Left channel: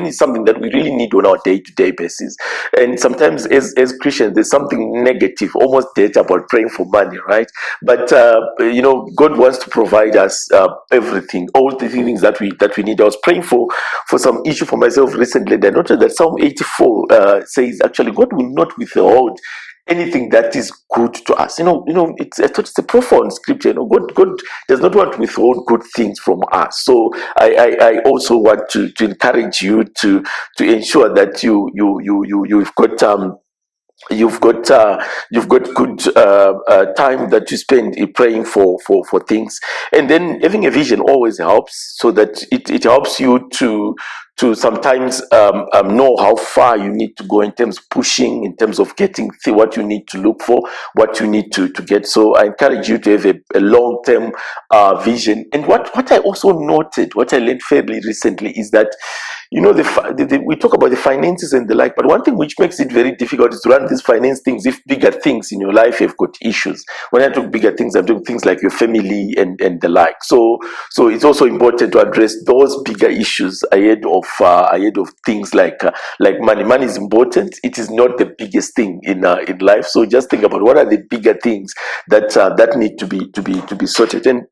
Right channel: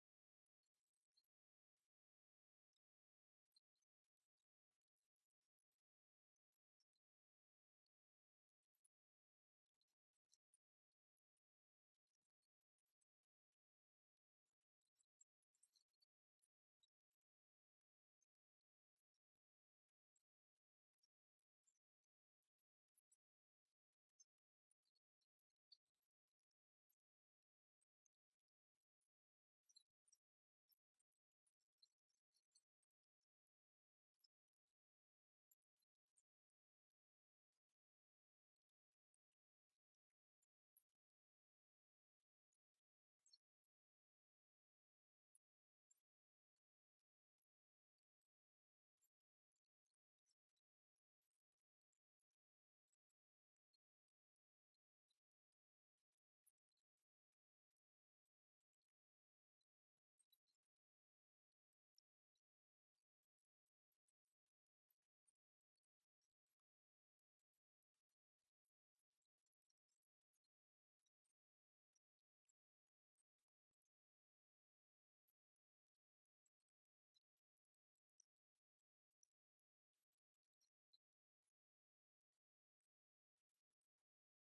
when it's something that we really need on our day-to-day basis. And sometimes as Christians, there's something negative, almost dead about praying for money, right? But God wants to provide us everything, all the things that we need. I was praying for some issue for myself recently, and I noticed that Psalm 84 says actually God will not withhold anything that is good to us. I thought it's a profound scripture. God does not want to withhold good things from us. So I also want to encourage you to ensure that you've got good time that you spend praying for things, and then having a vision always helps, so that it helps you to sometimes know how far you need to go in terms of pushing, in terms of getting what you need to look for, what you need to get. So I encourage you to have a long-term vision. And what I also noted, what I learned fairly recently, is that we talk about the finances and the like, but one thing which makes it very difficult is to run these finance things if bigger things in your life have got issues. When I talk bigger things, I'm talking things like your family and the like. So it's also important to address those bigger issues ahead of things like money. Money is important. It is not the biggest thing in life. So just think about what are the bigger things that need to be sorted. And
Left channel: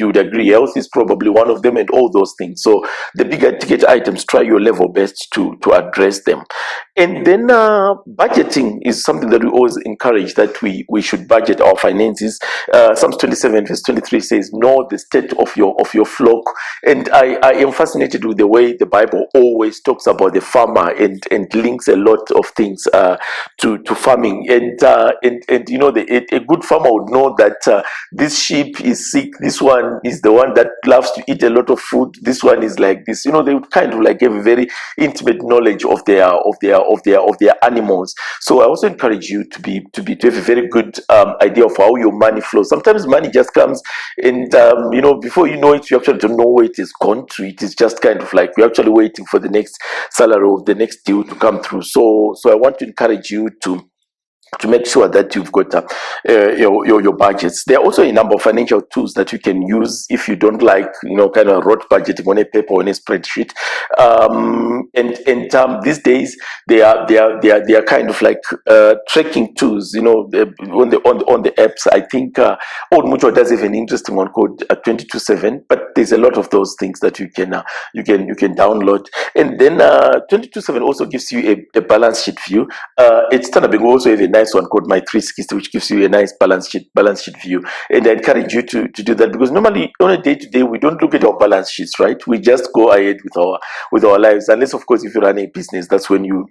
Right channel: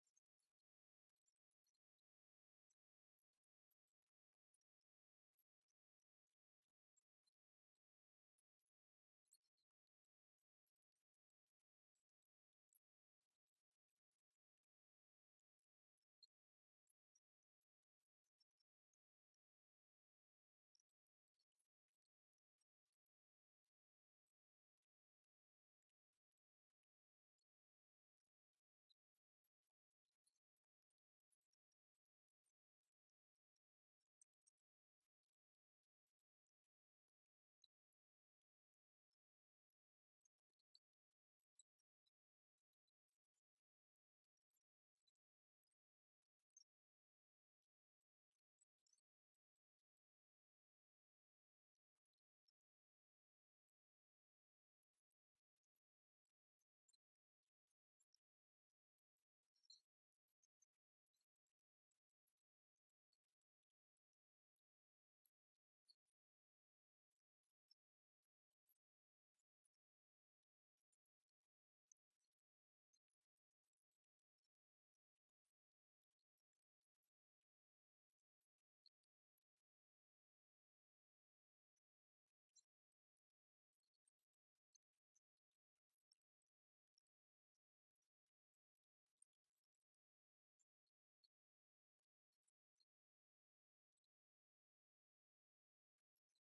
you would agree, health is probably one of them, and all those things. So the bigger ticket items, try your level best to address them. And then budgeting is something that we always encourage, that we should budget our finances. Psalms 27 verse 23 says, know the state of your flock. And I am fascinated with the way the Bible always talks about the farmer, and links a lot of things to farming. And a good farmer would know that this sheep is sick, this one is the one that loves to eat a lot of food, this one is like this. They would kind of like have a very intimate knowledge of their animals. So I also encourage you to have a very good idea of how your money flows. Sometimes money just comes, and before you know it, you actually don't know where it is gone to. It is just kind of like we're actually waiting for the next salary or the next deal to come through. So I want to encourage you to make sure that you've got your budgets. There are also a number of financial tools that you can use if you don't like, kind of rote budgeting on a paper or on a spreadsheet. And these days they are kind of like tracking tools. On the apps. I think Old Mutual does have an interesting one called 227. But there's a lot of those things that you can download. And then 227 also gives you a balance sheet view. It's Standard Bank also have a nice one called My 360, which gives you a nice balance sheet view. And I encourage you to do that, because normally on a day-to-day we don't look at our balance sheets, right? We just go ahead with our lives, unless of course if you run a business, that's when you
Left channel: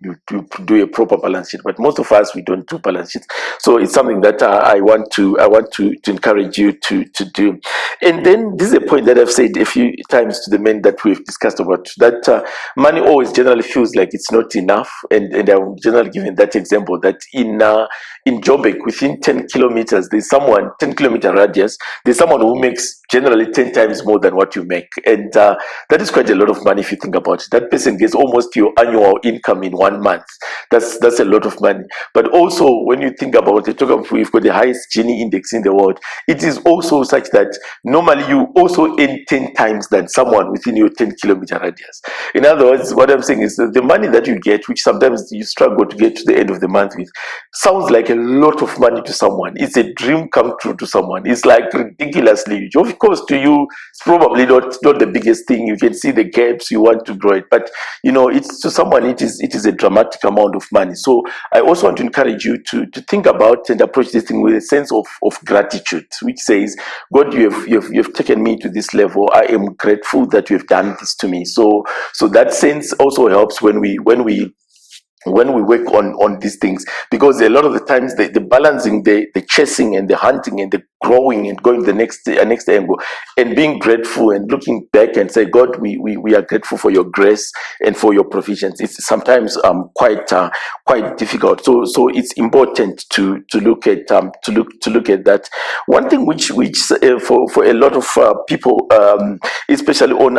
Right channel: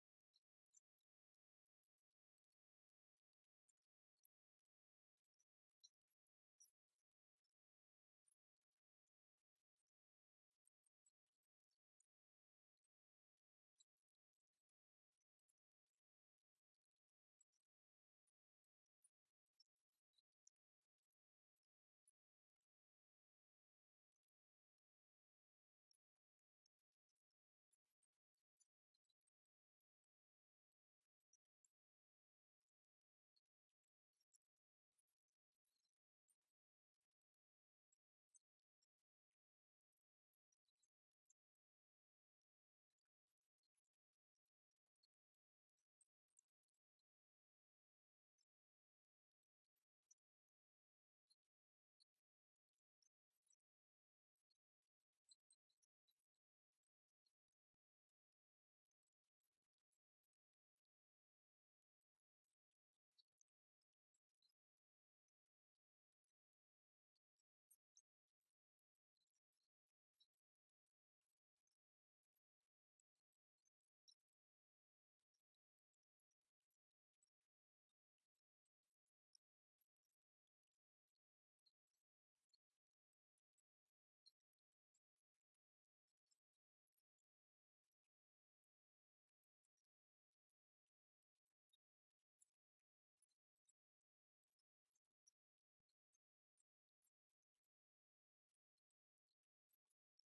do a proper balance sheet. But most of us, we don't do balance sheets. So it's something that I want to encourage you to do. And then this is a point that I've said a few times to the men that we've discussed about, that money always generally feels like it's not enough. And I'm generally giving that example, that in Joburg, within 10 kilometers, there's someone, 10-kilometer radius, there's someone who makes generally 10 times more than what you make. And that is quite a lot of money if you think about it. That person gets almost your annual income in 1 month. That's a lot of money. But also, when you think about it, we've got the highest Gini index in the world. It is also such that normally you also earn 10 times than someone within your 10-kilometer radius. In other words, what I'm saying is that the money that you get, which sometimes you struggle to get to the end of the month with, sounds like a lot of money to someone. It's a dream come true to someone. It's like ridiculously huge. Of course, to you, it's probably not the biggest thing. You can see the gaps, you want to grow it, but it's to someone, it is a dramatic amount of money. So I also want to encourage you to think about and approach this thing with a sense of gratitude, which says, God, you have taken me to this level. I am grateful that you have done this to me. So that sense also helps when we work on these things, because a lot of the times the balancing, the chasing and the hunting and the growing and going the next angle, and being grateful and looking back and say, God, we are grateful for your grace and for your provisions. It's sometimes quite difficult. So it's important to look at that. One thing which for a lot of people, especially on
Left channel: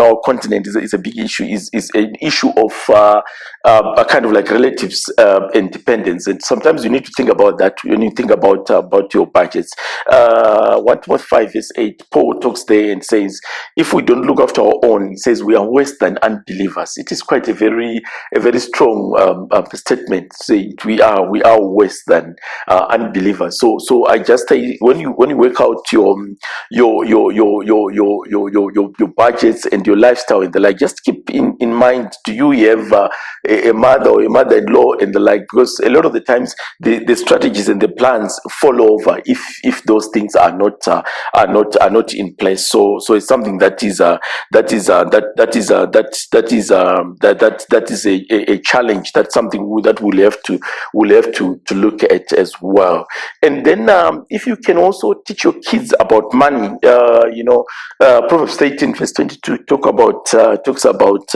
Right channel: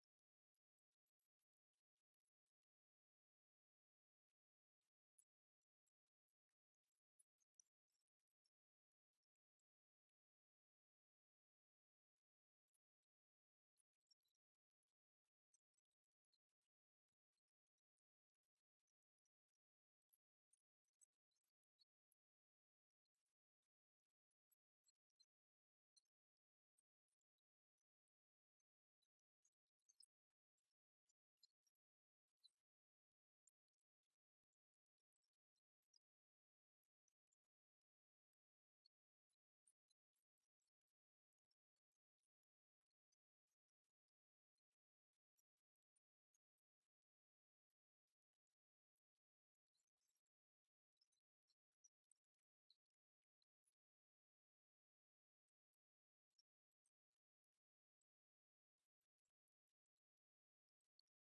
our continent, is a big issue. Is an issue of a kind of like relatives and dependence. And sometimes you need to think about that when you think about about your budgets. 1 Timothy 5 verse 8, Paul talks there and says, if we don't look after our own, he says we are worse than unbelievers. It is quite a very strong statement. Say we are worse than unbelievers. So I just say, when you work out your budgets and your lifestyle and the like, just keep in mind, do you have a mother or a mother-in-law and the like? Because a lot of the times the strategies and the plans fall over if those things are not in place. So it's something that is a challenge. That's something that we'll have to look at as well. And then if you can also teach your kids about money, Proverbs 18 verse 22 talks about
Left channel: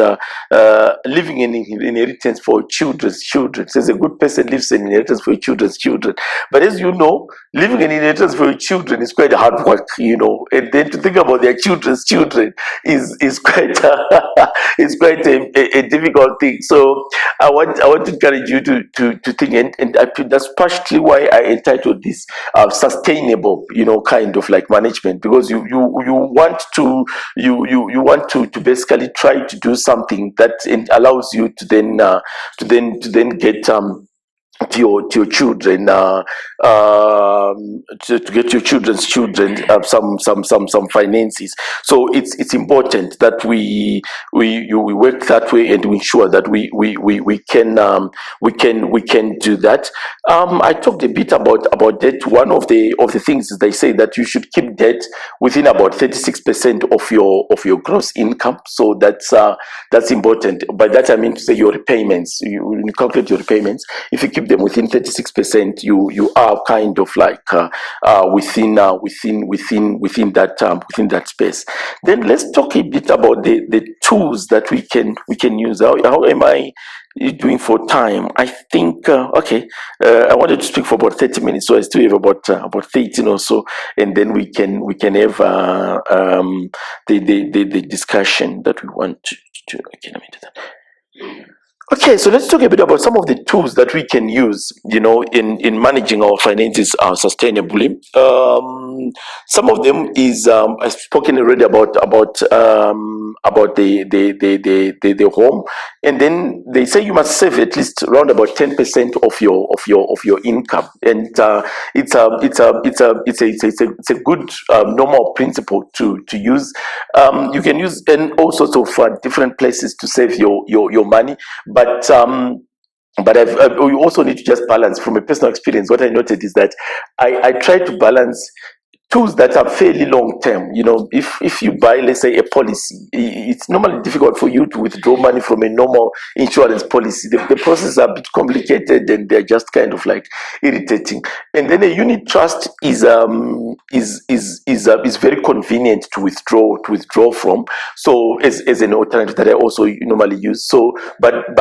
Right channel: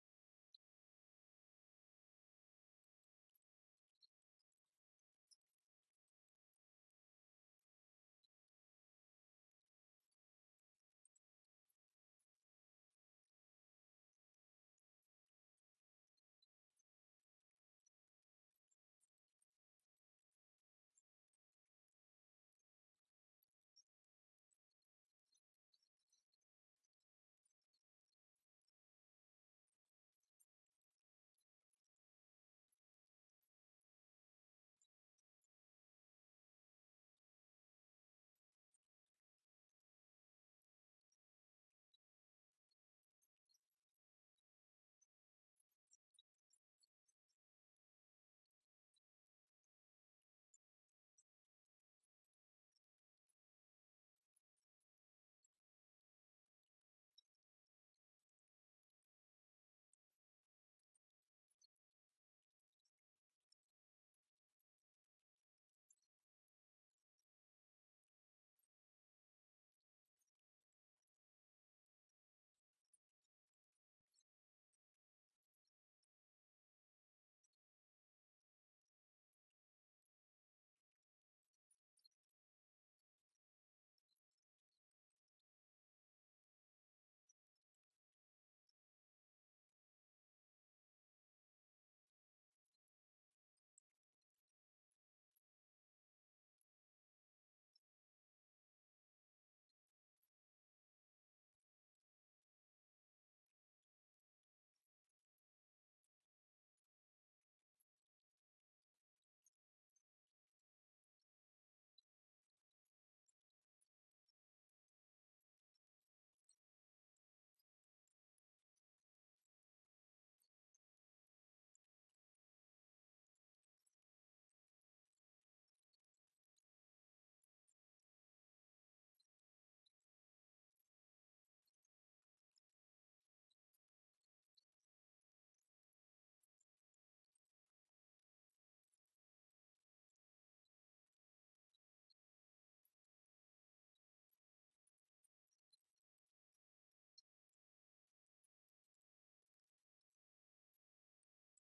leaving an inheritance for children's children. It says a good person leaves an inheritance for children's children. But as you know, leaving an inheritance for your children is quite hard work, and then to think about their children's children is quite is quite a difficult thing. So I want to encourage you to think, and that's partially why I entitled this sustainable, kind of like management, because you want to basically try to do something that allows you to then get to your children, to get your children's children some finances. So it's important that we work that way, and we ensure that we can do that. I talked a bit about debt. One of the things is they say that you should keep debt within about 36% of your gross income. So that's important. By that I mean to say your repayments. When you calculate your repayments, if you keep them within 36%, you are kind of like within that space. Then let's talk a bit about the tools that we can use. How am I doing for time? I think I wanted to speak for about 30 minutes, so I still have about 13 or so, and then we can have the discussion that we want to. Okay, let me do that. Okay, so let's talk a bit about some of the tools that we can use, in managing our finances sustainably. Some of them is I've spoken already about the home, and then they say you must save at least around about 10% of your income, and it's a good normal principle to use. You can use in all sorts of different places to save your money, but we also need to just balance. From a personal experience, what I noted is that I try to balance tools that are fairly long term. If you buy, let's say, a policy, it's normally difficult for you to withdraw money from a normal insurance policy. The process are a bit complicated, and they're just kind of like irritating. And then a unit trust is very convenient to withdraw from. So as an alternative that I also normally use. So but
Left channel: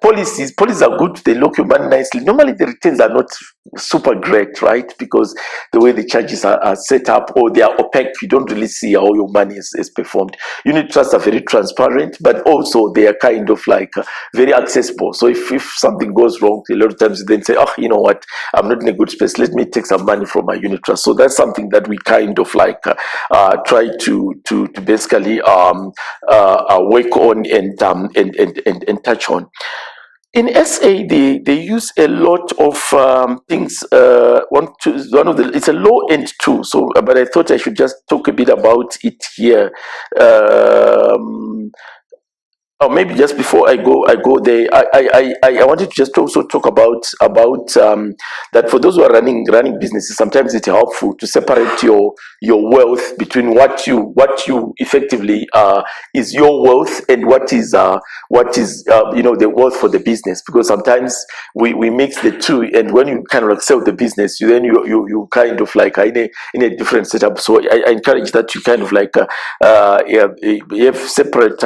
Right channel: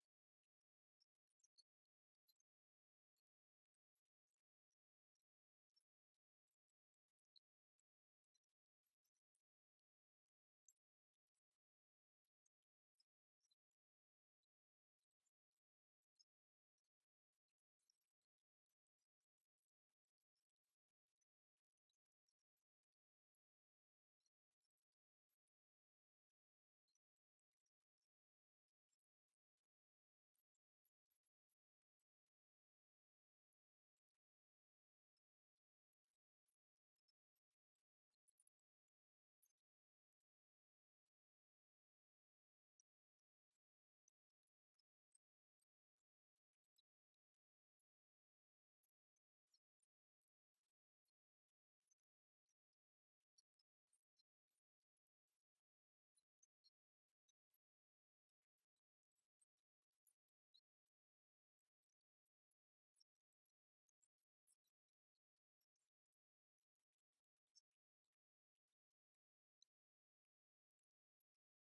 policies are good. They lock your money nicely. Normally the returns are not super great, right? Because the way the charges are set up, or they are opaque, you don't really see how your money is performed. Unit trusts are very transparent, but also they are kind of like very accessible. So if something goes wrong, a lot of times you then say, oh, you know what, I'm not in a good space, let me take some money from my unit trust. So that's something that we kind of like try to basically work on and touch on. In SA, they use a lot of things. One of the, it's a low end tool. So, but I thought I should just talk a bit about it here. Um, or maybe just before I go there, I wanted to just also talk about that for those who are running businesses. Sometimes it's helpful to separate your wealth between what you effectively is your wealth, and what is the wealth for the business, because sometimes we mix the two, and when you kind of like sell the business, you kind of like are in a different setup. So I encourage that you kind of like yeah, you have separate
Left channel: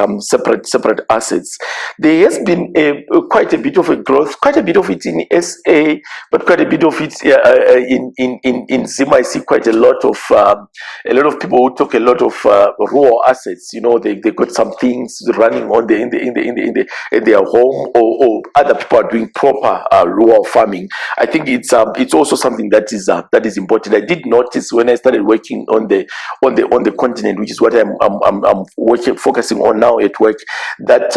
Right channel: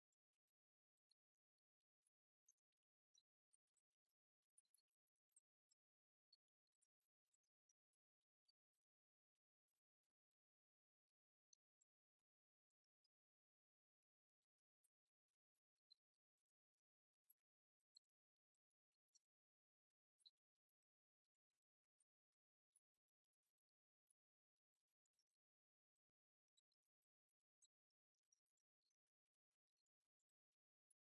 assets. There has been quite a bit of a growth, quite a bit of it in SA, but quite a bit of it in Zim. I see quite a lot of people who talk a lot of raw assets. You know, they got some things running on the in their home, or other people are doing proper rural farming. I think it's also something that is important. I did notice when I started working on the continent, which is what I'm working focusing on now at work, that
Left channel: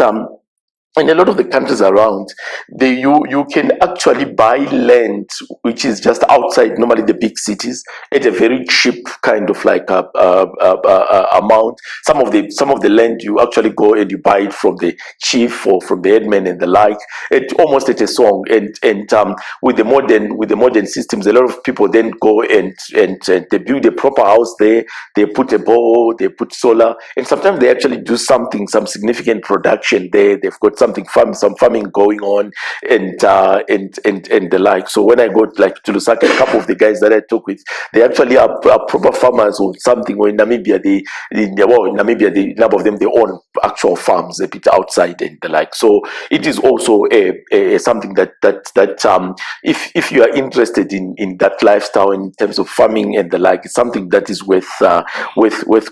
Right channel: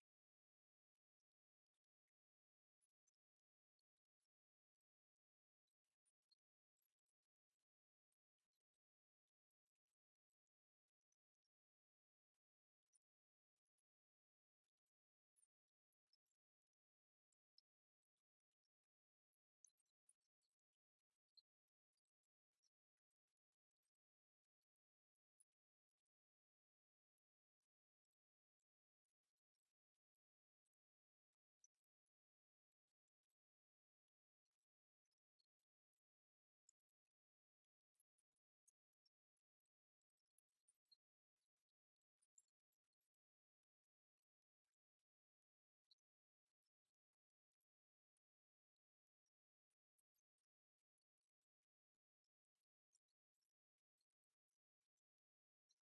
in a lot of the countries around, you can actually buy land which is just outside normally the big cities at a very cheap kind of like amount. Some of the land you actually go and you buy it from the chief or from the headman and the like, it almost at a song. And with the modern systems, a lot of people then go and they build a proper house there. They put a bowl, they put solar, and sometimes they actually do some significant production there. They've got some farming going on, and the like. So when I go like to Lusaka, a couple of the guys that I talk with, they actually are proper farmers or something. Or in Namibia, in Namibia, a number of them they own actual farms a bit outside and the like. So it is also a something that if you are interested in that lifestyle in terms of farming and the like, it's something that is worth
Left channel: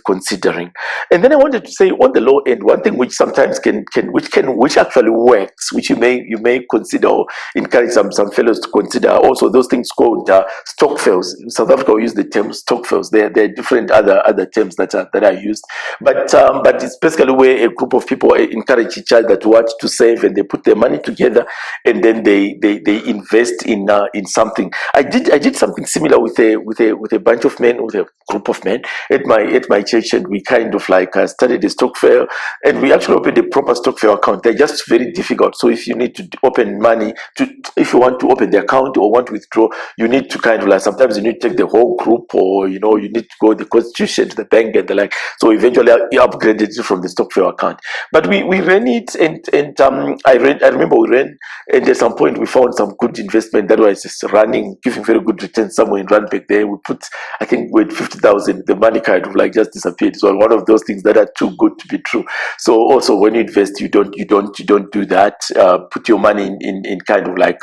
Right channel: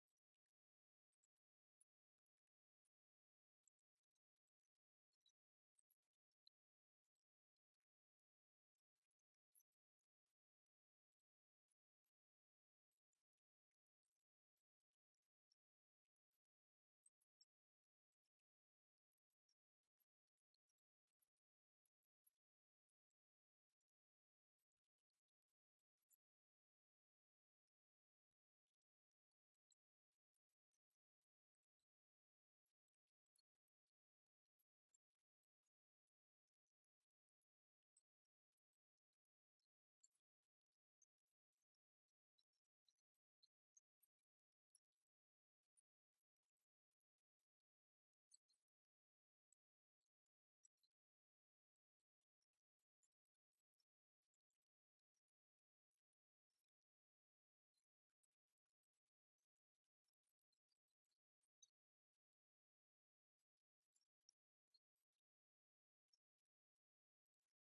considering. And then I wanted to say on the low end, one thing which sometimes which actually works, which you may consider or encourage some fellows to consider. Also, those things called stock fails. South Africa will use the term stock fails. There are different other terms that are used, but it's basically where a group of people encourage each other to save, and they put their money together, and then they invest in something. I did something similar with a bunch of men, with a group of men at my church, and we kind of like started a stock fair, and we actually opened a proper stock fair account. They're just very difficult. So if you need to open money if you want to open the account or want to withdraw, you need to kind of like, sometimes you need to take the whole group, or you need to go the constitution to the bank and the like. So eventually I upgraded it from the stock fair account. But we ran it, and I remember we ran, and at some point we found some good investment that was just running, giving very good returns somewhere in Randburg. There we put, I think, with 50,000, the money kind of like just disappeared. So one of those things that are too good to be true. So also when you invest, you don't do that. Put your money in kind of like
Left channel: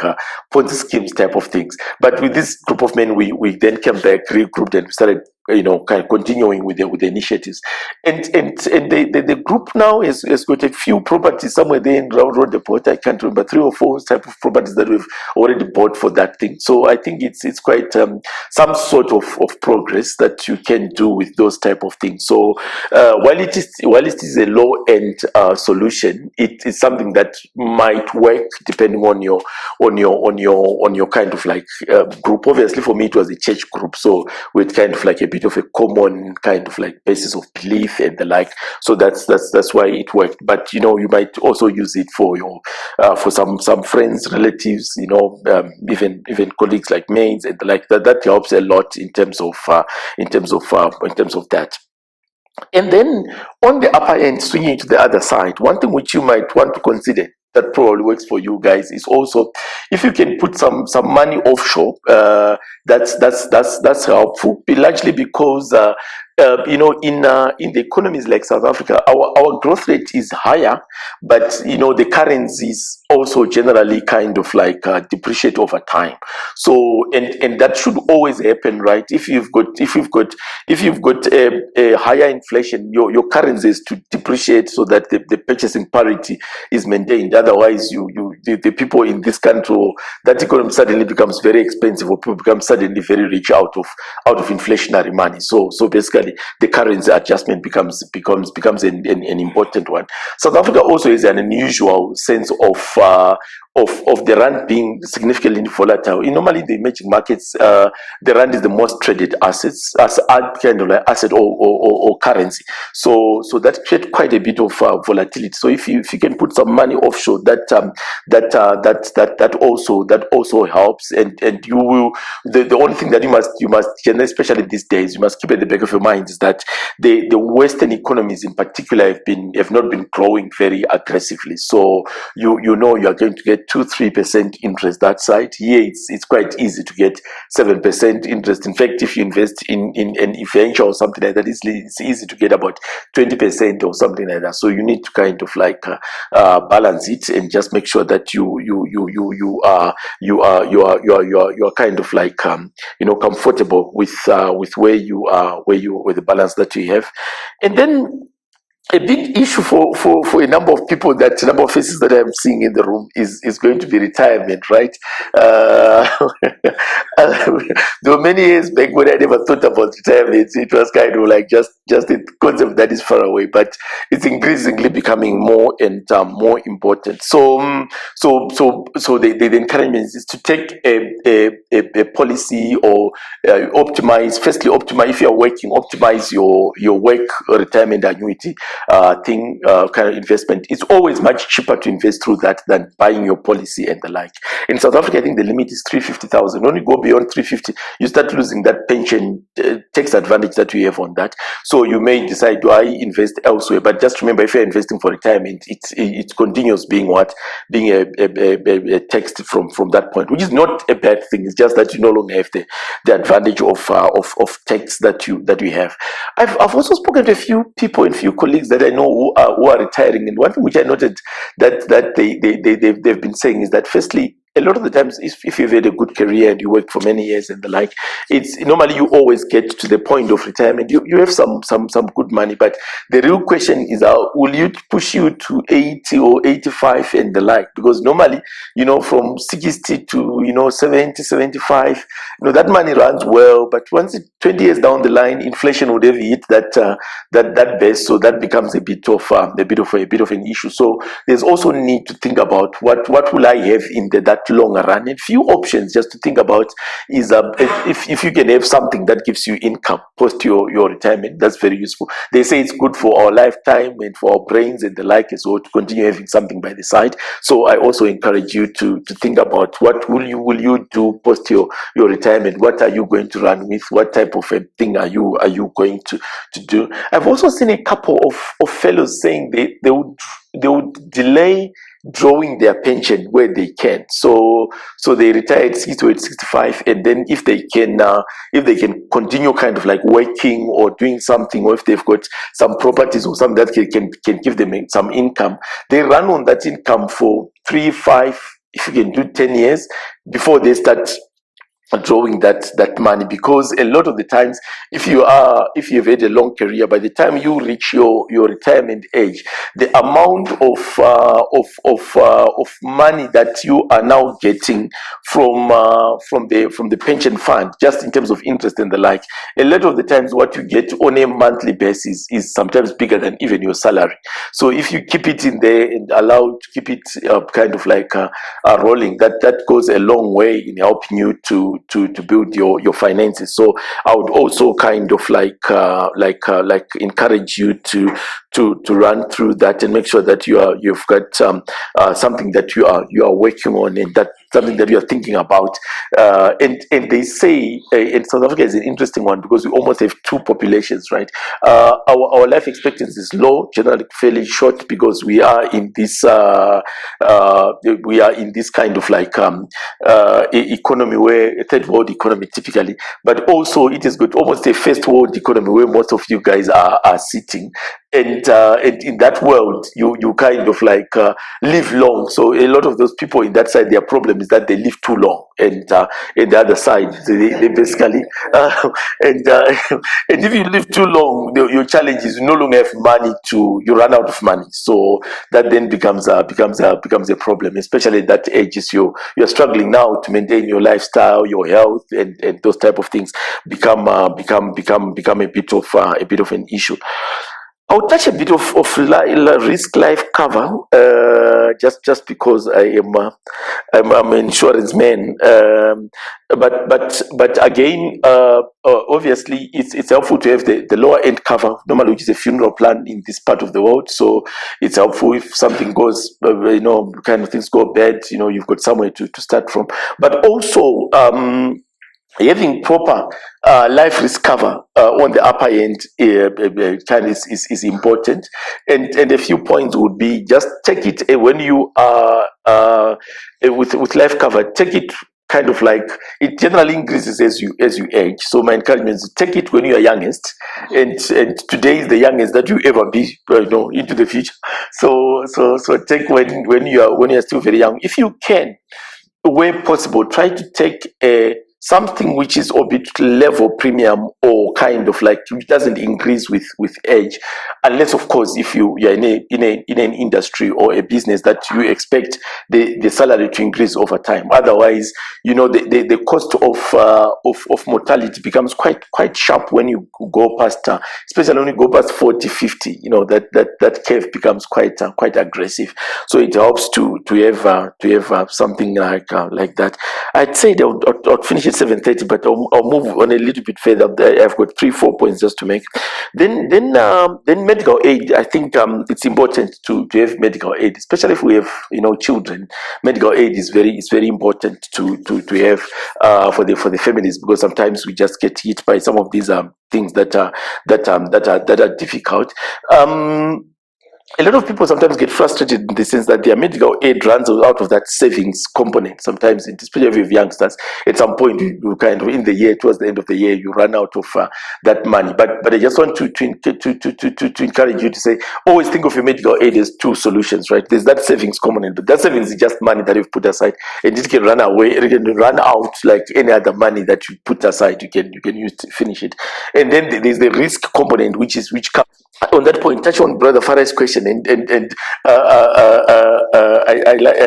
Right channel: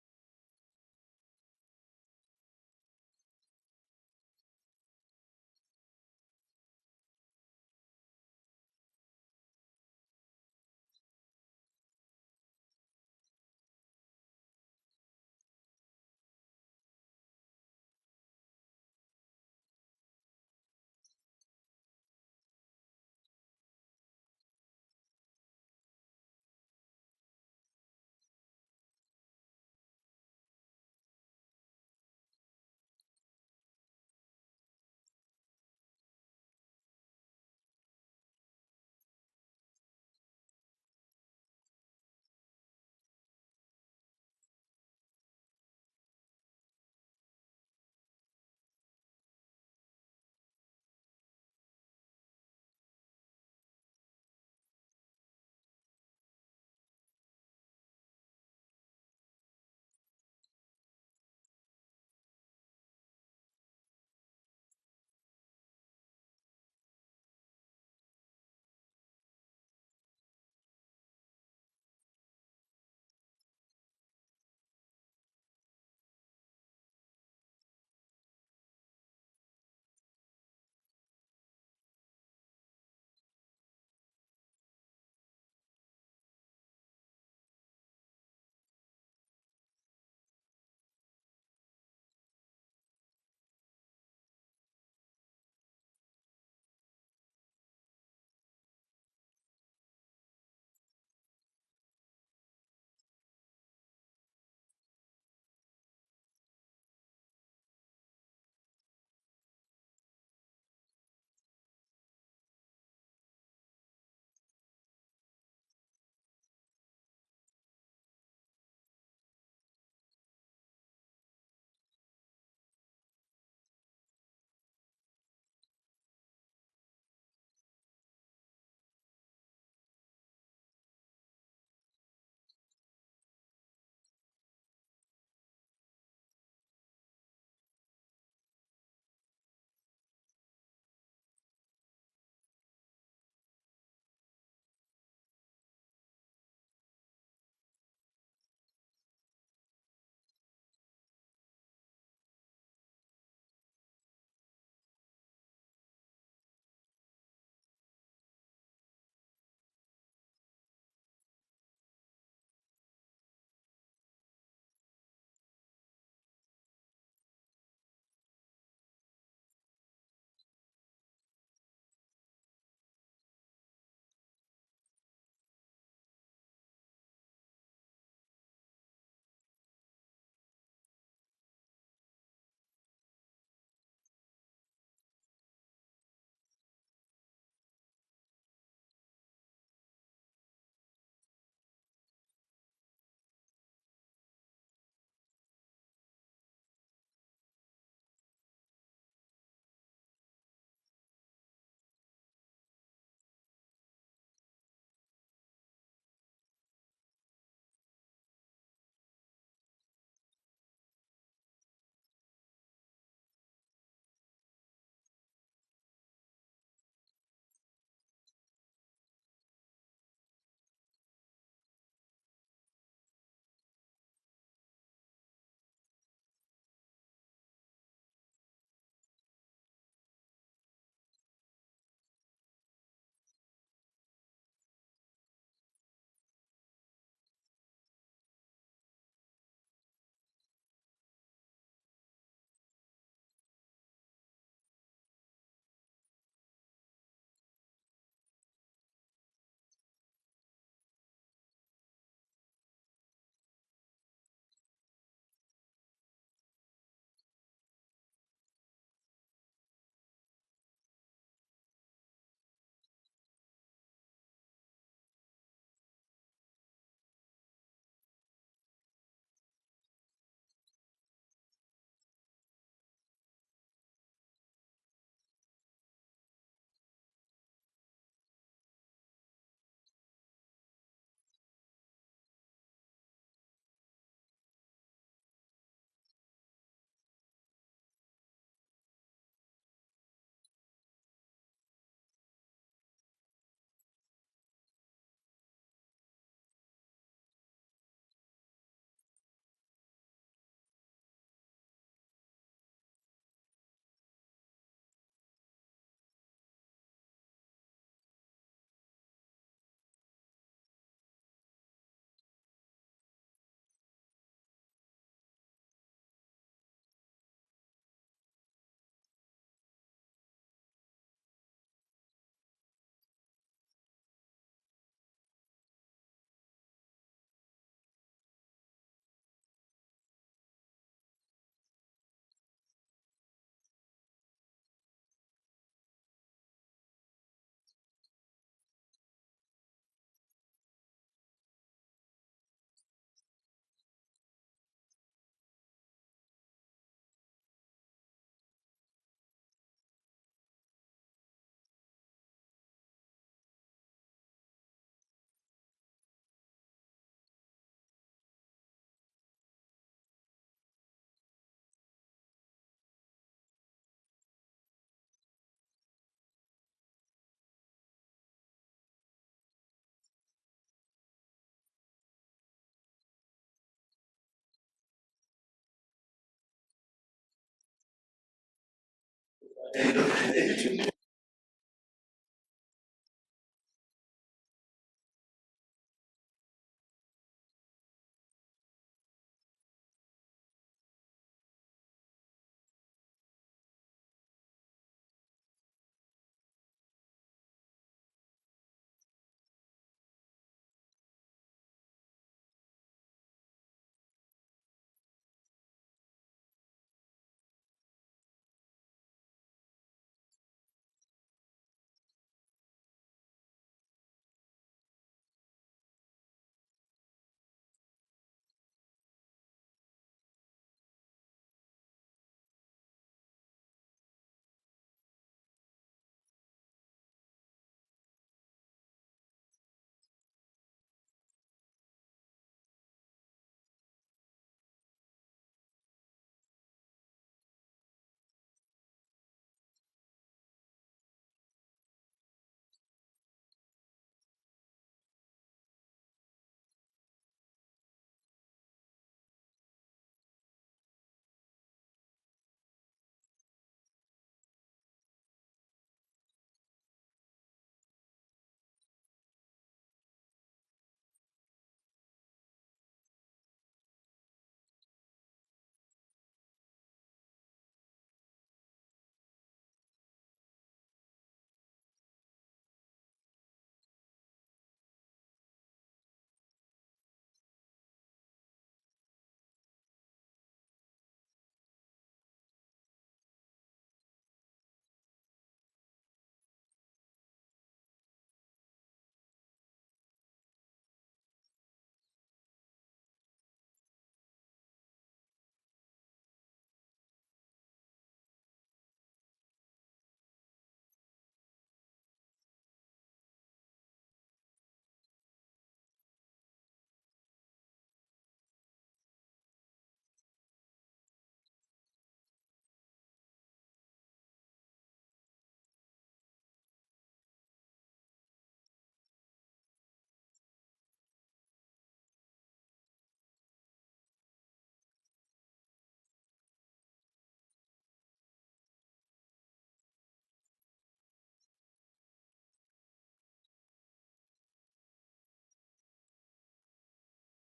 Ponzi schemes type of things. But with this group of men, we then came back, regrouped, and started kind of continuing with the initiatives. And the group now has got a few properties somewhere there in Round the Port. I can't remember, 3 or 4 type of properties that we've already bought for that thing. So I think it's quite some sort of progress that you can do with those type of things. So while it is a low end solution, it is something that might work depending on your kind of like group. Obviously, for me, it was a church group, so with kind of like a bit of a common kind of like basis of belief and the like. So that's why it worked. But you might also use it for your for some friends, relatives, even colleagues like maids and the like. That helps a lot in terms of that. And then on the upper end, swinging to the other side, one thing which you might want to consider that probably works for you guys is also if you can put some money offshore. That's helpful, largely because in the economies like South Africa, our growth rate is higher, but the currency is also generally kind of like depreciate over time. So and that should always happen, right? If you've got a higher inflation, your currency is to depreciate so that the purchasing parity is maintained. Otherwise, the people in this country, that economy suddenly becomes very expensive, or people become suddenly very rich out of inflationary money. So basically, the currency adjustment becomes an important one. South Africa also has an unusual sense of the rand being significantly volatile. Normally, the emerging markets, the rand is the most traded as kind of like asset or currency. So that creates quite a bit of volatility. So if you can put some money offshore, that also helps. And you will, the only thing that you must especially these days, you must keep at the back of your mind is that the Western economies in particular have not been growing very aggressively. So you are going to get 2-3% interest that side. Here it's quite easy to get 7% interest. In fact, if you invest in an venture or something like that, it's easy to get about 20% or something like that. So you need to kind of like balance it and just make sure that you are kind of like comfortable with where you are, with the balance that you have. And then a big issue for a number of people, that number of faces that I'm seeing in the room, is going to be retirement, right? uh, there were many years back when I never thought about retirement. It was kind of like just a concept that is far away, but it's increasingly becoming more and more important. So the encouragement is to take a policy, or optimize. If you're working, optimize your work retirement annuity kind of investment. It's always much cheaper to invest through that than buying your policy and the like. In South Africa, I think the limit is 350,000. When you go beyond 350, you start losing that pension tax advantage that you have on that. So you may decide, do I invest elsewhere? But just remember, if you're investing for retirement, it continues being a tax from that point, which is not a bad thing. It's just that you no longer have the advantage of tax that you have. I've also spoken to a few people and few colleagues that I know who are retiring, and one thing which I noted that they've been saying is that, firstly, a lot of the times, if you've had a good career and you work for many years and the like, it's normally you always get to the point of retirement. You have some good money, but the real question is, will you push you to 80 or 85 and the like? Because normally, from 60 to 70, 75, that money runs well, but once 20 years down the line, inflation would have hit that base, so that becomes a bit of an issue. So there's also need to think about what will I have in that longer run. And few options just to think about is, if you can have something that gives you income post your retirement, that's very useful. They say it's good for our lifetime and for our brains and the like as well, to continue having something by the side. So I also encourage you to think about what will you do post your retirement. What are you going to run with? What type of a thing are you going to do? I've also seen a couple of fellows saying they would delay drawing their pension where they can. So they retire at 60 to 65, and then if they can continue kind of like working or doing something, or if they've got some properties or something that can give them some income, they run on that income for 3, 5, if you can do 10 years before they start drawing that money. Because a lot of the times, if you've had a long career, by the time you reach your retirement age, the amount of money that you are now getting from the pension fund, just in terms of interest and the like, a lot of the times what you get on a monthly basis is sometimes bigger than even your salary. So if you keep it in there and allow to keep it kind of like rolling, that goes a long way in helping you to build your finances. So I would also kind of like encourage you to run through that and make sure that you've got something that you are working on, and that something that you are thinking about. And they say, in South Africa is an interesting one, because we almost have two populations, right? Our life expectancy is low, generally fairly short, because we are in this kind of like economy, where a third world economy typically, but also it is good, almost a first world economy, where most of you guys are sitting. And in that world, you kind of like live long. So a lot of those people in that side, their problem is that they live too long, and in the other side, they basically and and if you live too long, your challenge is you no longer have money, you run out of money. So that then becomes a problem, especially at that age. Is you're struggling now to maintain your lifestyle, your health, and those type of things become a bit of an issue. I'll touch a bit of risk life cover, just because I'm an insurance man. But again, obviously, it's helpful to have the lower end cover, normally, which is a funeral plan in this part of the world. So it's helpful if something goes, kind of things go bad. You've got somewhere to start from. But also, having proper life risk cover on the upper end kind is important. And a few points would be just take it when you are with life cover, take it kind of like it generally increases as you age. So my encouragement is take it when you are youngest, and today is the youngest that you ever be, into the future. So take when you are still very young, if you can, where possible, try to take a something which is orbit level premium, or kind of like which doesn't increase with age, unless of course if you're in an industry or a business that you expect the salary to increase over time. Otherwise, the cost of mortality becomes quite sharp when you go past, especially when you go past 40, 50. That curve becomes quite aggressive. So it helps to have something like that. I'd say that I'll finish at 7:30, but I'll move on a little bit further. I've got 3 4 points just to make. Then medical aid. I think it's important to have medical aid, especially if we have children. Medical aid is very important to have for the families, because sometimes we just get hit by some of these things that are difficult. Um, a lot of people sometimes get frustrated in the sense that their medical aid runs out of that savings component. Sometimes, especially with youngsters, at some point you kind of in the year, towards the end of the year, you run out of that money. But I just want to encourage you to say, always think of your medical aid as two solutions, right? There's that savings component, but that savings is just money that you've put aside, and it can run away, it can run out like any other money that you put aside. You can use to finish it, and then there's the risk component, which comes on that point. Touch on Brother Farah's question, and I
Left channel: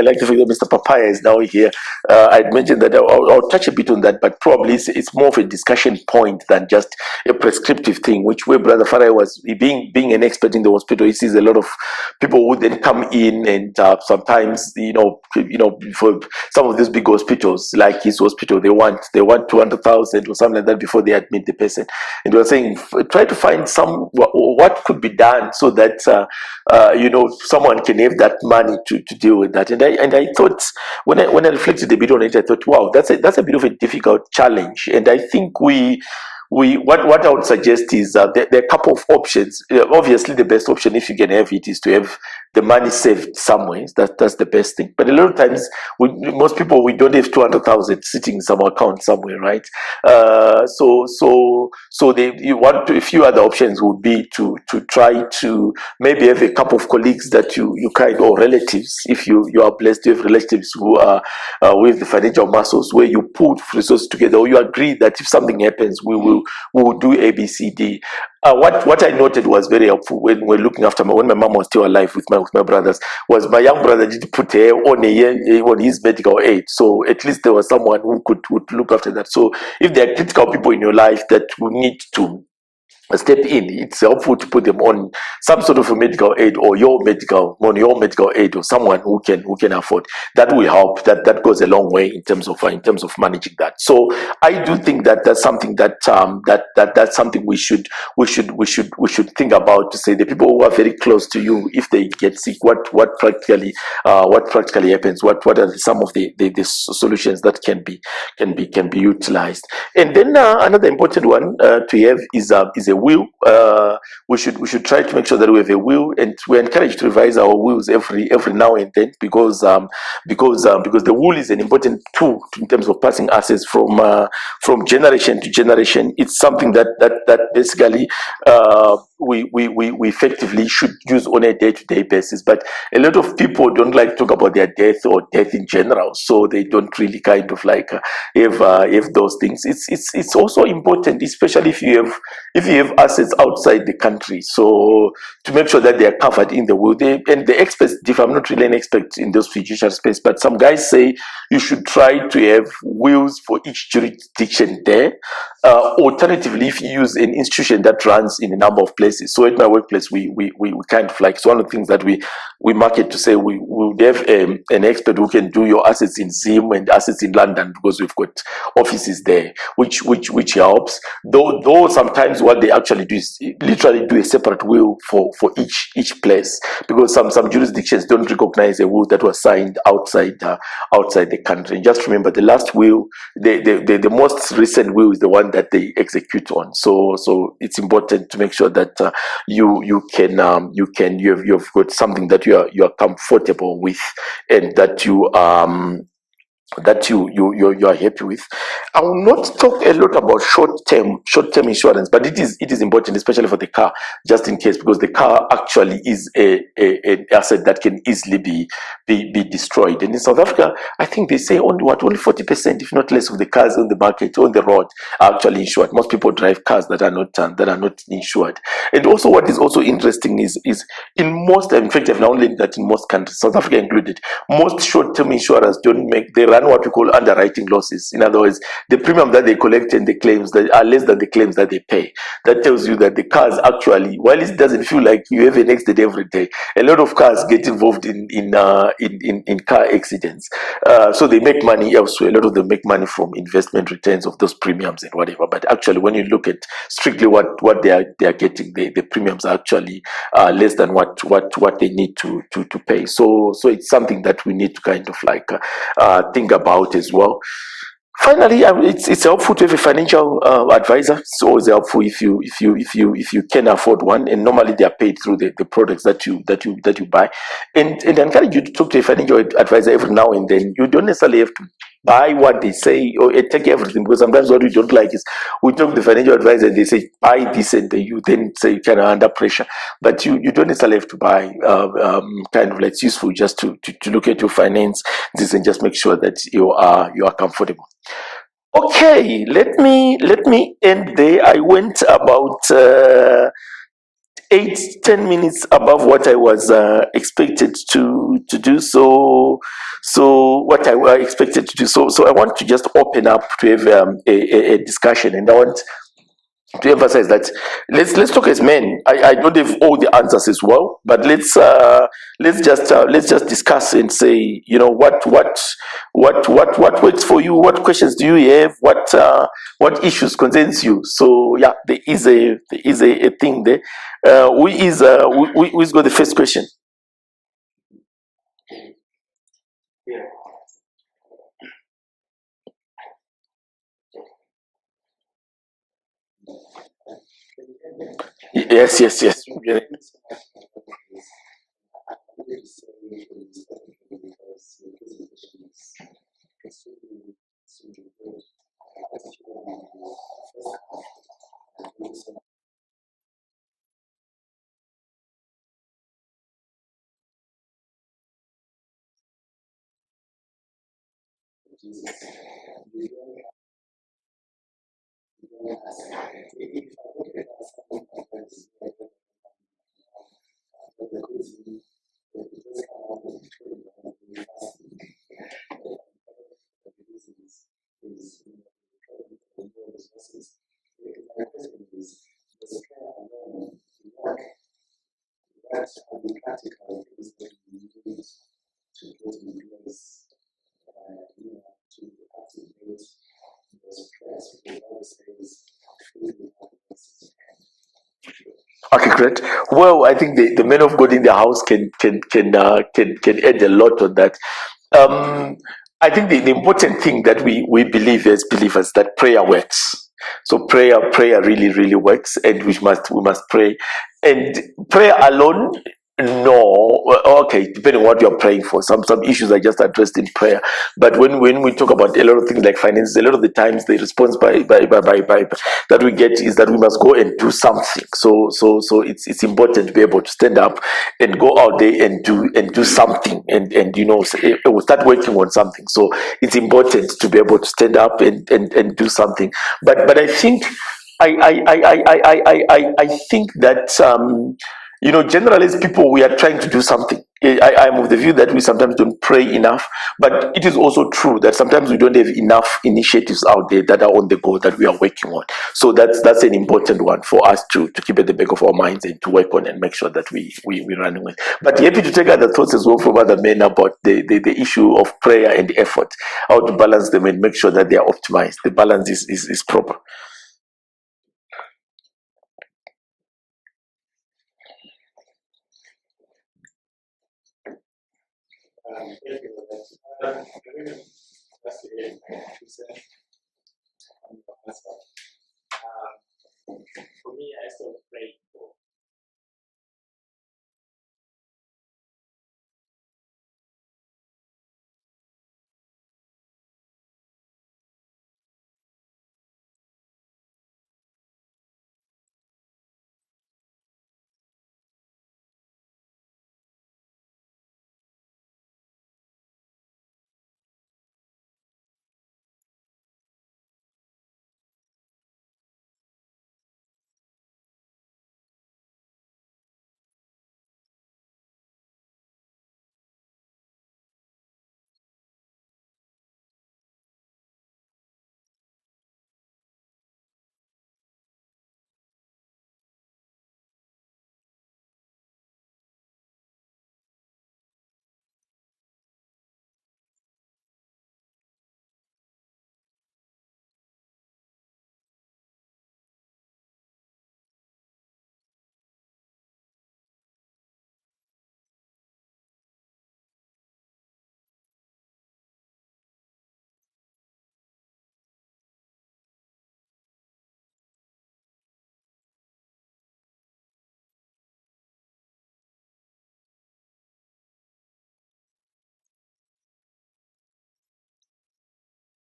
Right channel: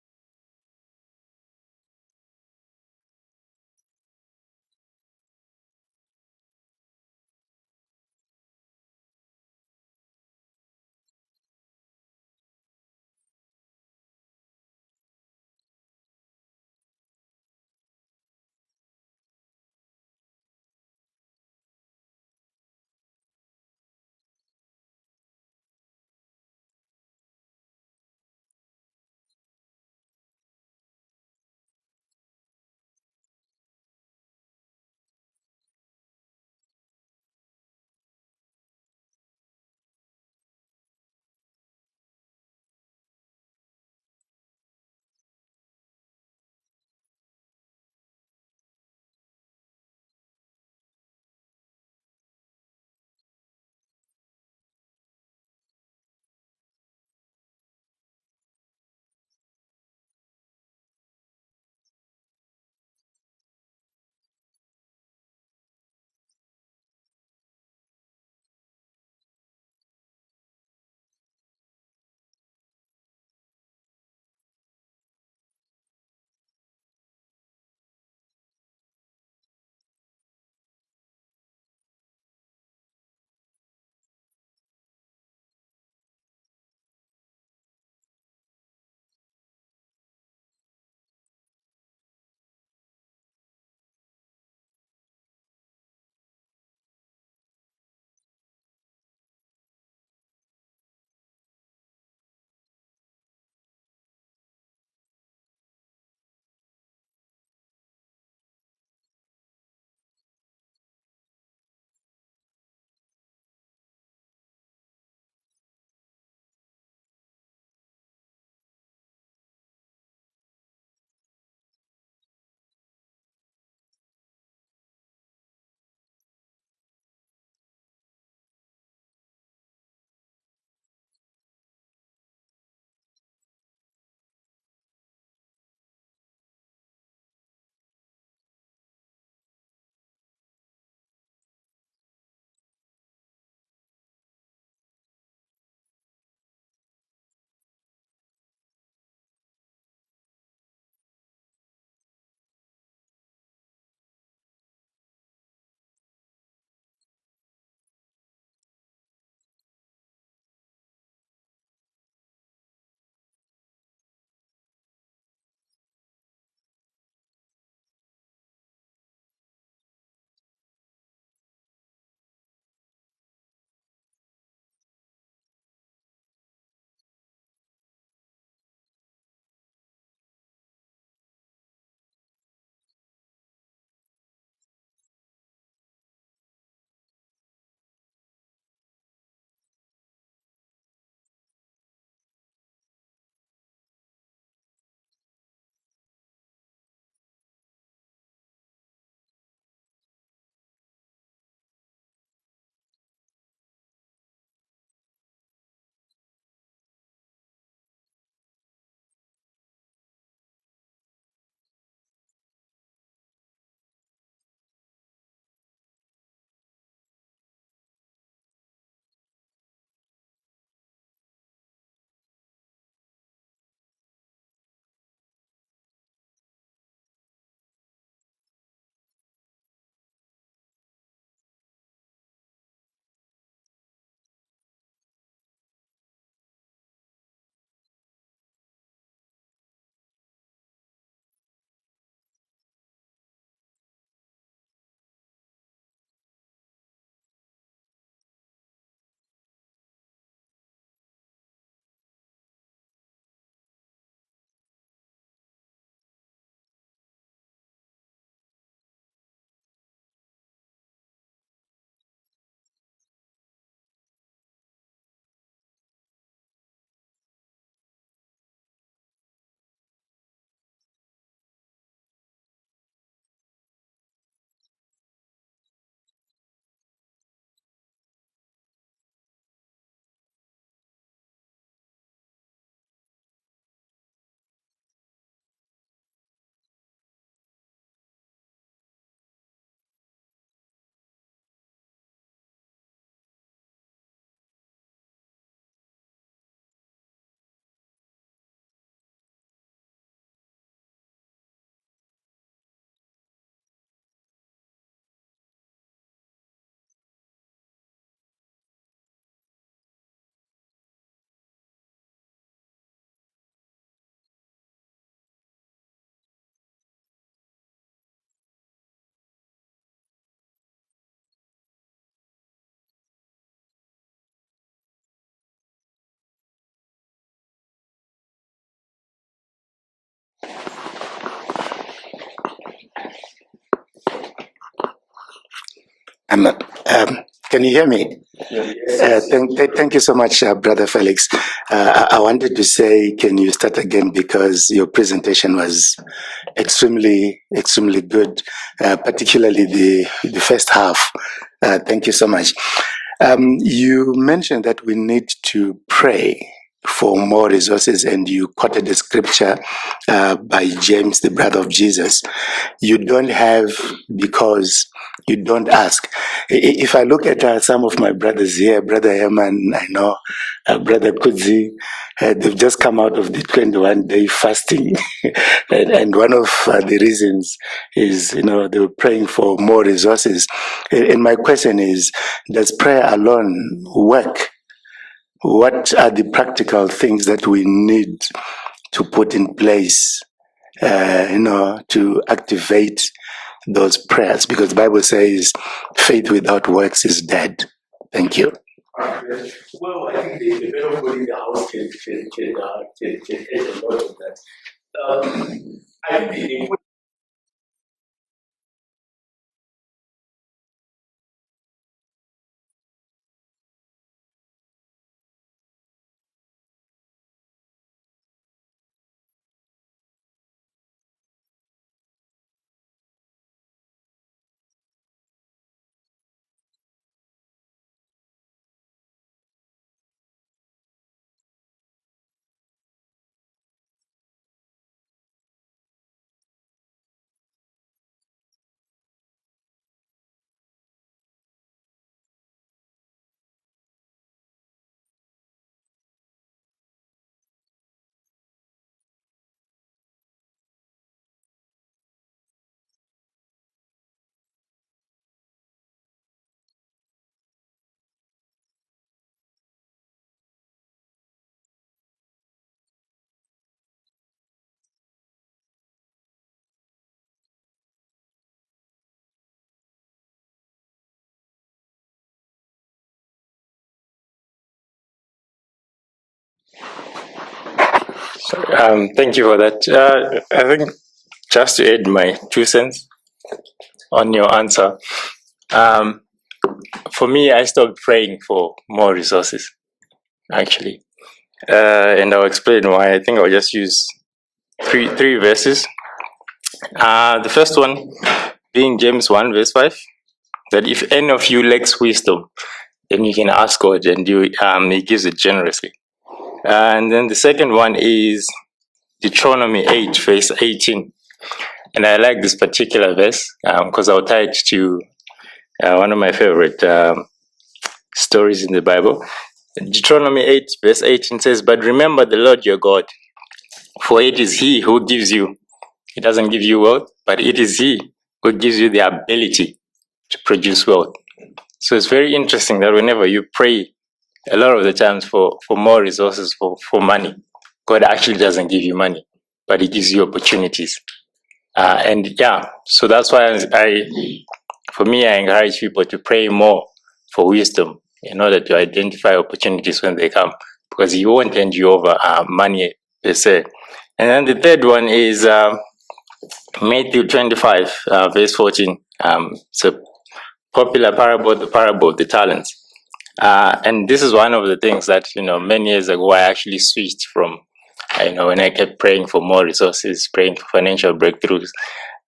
like the fact that Mr. Papaya is now here. I'd mentioned that I'll touch a bit on that, but probably it's more of a discussion point than just a prescriptive thing. Which way Brother Farah was being an expert in the hospital, he sees a lot of people who then come in, and sometimes for some of these big hospitals like his hospital, they want 200,000 or something like that before they admit the person. And we were saying, try to find what could be done so that someone can have that money to deal with that. And I thought, when I reflected a bit on it, I thought, wow, that's a bit of a difficult challenge. And I think what I would suggest is there are a couple of options. Obviously, the best option, if you can have it, is to have the money saved somewhere. That's the best thing. But a lot of times, most people, we don't have 200,000 sitting in some account somewhere, right? You want a few other options would be to try to maybe have a couple of colleagues that you kind, or relatives, if you are blessed to have relatives who are with the financial muscles, where you put resources together, or you agree that if something happens, we will do ABCD. What I noted was very helpful when we're looking after when my mom was still alive with my brothers, was my young brother did put her on his medical aid, so at least there was someone who would look after that. So if there are critical people in your life that will need to step in, it's helpful to put them on some sort of a medical aid, or your medical aid, or someone who can afford. That will help. That goes a long way in terms of managing that. So I do think that that's something that's something we should think about, to say the people who are very close to you, if they get sick, what practically happens, what are some of the solutions that can be utilized. And then another important one to have is a will. We should try to make sure that we have a will, and we're encouraged to revise our wills every now and then, because the will is an important tool in terms of passing assets from generation to generation. It's something that basically we effectively should use on a day-to-day basis. But a lot of people don't like to talk about their death or death in general, so they don't really kind of like have those things. It's also important, especially if you have assets outside the country, so to make sure that they are covered in the will. And the experts differ. I'm not really an expert in those fiduciary space, but some guys say you should try to have wills for each jurisdiction there. Alternatively, if you use an institution that runs in a number of places, workplaces. So at my workplace, we kind of like, it's one of the things that we market to say we would have an expert who can do your assets in Zim and assets in London, because we've got offices there, which helps. Though sometimes what they actually do is literally do a separate will for each place, because some jurisdictions don't recognize a will that was signed outside the country. And just remember, the last will, the most recent will is the one that they execute on. So it's important to make sure that you've got something that you are comfortable with, and that you are happy with. I will not talk a lot about short term insurance, but it is important, especially for the car, just in case, because the car actually is an asset that can easily be destroyed. And in South Africa, I think they say only 40%, if not less, of the cars on the market, on the road, are actually insured. Most people drive cars that are not insured. And also, what is also interesting is in most, in fact, I've now learned that in most countries, South Africa included, most short-term insurers they run what we call underwriting losses. In other words, the premium that they collect and the claims that are less than the claims that they pay. That tells you that the cars actually, while it doesn't feel like you have an accident every day, a lot of cars get involved in car accidents. So they make money elsewhere. A lot of them make money from investment returns of those premiums and whatever. But actually, when you look at strictly what they are getting, the premiums are actually less than what they need to pay. So it's something that we need to kind of like think about as well. Finally, it's helpful to have a financial advisor. It's always helpful if you can afford one, and normally they are paid through the products that you buy. And I encourage you to talk to a financial advisor every now and then. You don't necessarily have to buy what they say or take everything, because sometimes what we don't like is we talk to the financial advisor and they say buy this, and you then say kind of under pressure. But you don't necessarily have to buy kind of like, it's useful just to look at your finances and just make sure that you are comfortable. Okay, let me end there. I went about 8-10 minutes above what I was expected to do. So what I expected to do. So I want to just open up to have a discussion, and I want to emphasize that let's talk as men. I don't have all the answers as well, but let's just discuss and say, what works for you, what questions do you have, what issues concerns you. So yeah, there is a thing there. Who's got the first question? Can you hear me? Yes. Thank you so much, Brother Felix. I wanted to say, can you start again, because your presentation was extremely good, particularly the first half. Thank you so much. You mentioned that we need to pray for more resources, and you quoted the scripture by James, the brother of Jesus. You don't have because you don't ask. If I look at some of my brothers here, Brother Herman, I know, Brother Kudzi, they've just come out of the 21-day fasting. and one of the reasons is, they were praying for more resources. And my question is, does prayer alone work? What are the practical things that we need to put in place, to activate those prayers? Because the Bible says faith without works is dead. Thank you. Okay, great. Well, I think the men of God in the house can add a lot on that. I think the important thing that we believe as believers, that prayer works. So prayer really works, and we must pray. And prayer alone, no. Okay, depending on what you're praying for. Some issues are just addressed in prayer. But when we talk about a lot of things like finances, a lot of the times the response by that we get is that we must go and do something. So it's important to be able to stand up and go out there and do something, and we'll start working on something. So it's important to be able to stand up and do something. But I think I think that generally as people, we are trying to do something. I'm of the view that we sometimes don't pray enough, but it is also true that sometimes we don't have enough initiatives out there that are on the go that we are working on. So that's an important one for us to keep at the back of our minds and to work on and make sure that we're running with. But happy to take other thoughts as well from other men about the issue of prayer and effort, how to balance them and make sure that they are optimized. The balance is proper. Thank you for that. I think just to add my 2 cents on your answer, for me, I stopped praying for more resources, actually. And I'll explain why. I think I'll just use three verses. The first one being James 1, verse 5, that if any of you lacks wisdom, then you can ask God and He gives it generously. And then the second one is Deuteronomy 8, verse 18. And I like this particular verse because I'll tie it to one of my favorite stories in the Bible. Deuteronomy 8, verse 18 says, "But remember the Lord your God, for it is He who gives you." He doesn't give you wealth, but it is He who gives you the ability to produce wealth. So it's very interesting that whenever you pray, a lot of the times for more resources, for money, God actually doesn't give you money, but He gives you opportunities. And yeah, so that's why for me, I encourage people to pray more for wisdom in order to identify opportunities when they come, because He won't hand you over money per se. And then the third one is Matthew 25, verse 14. It's a popular parable, the parable of the talents. And this is one of the things that, many years ago, I actually switched from, when I kept praying for more resources, praying for financial breakthroughs.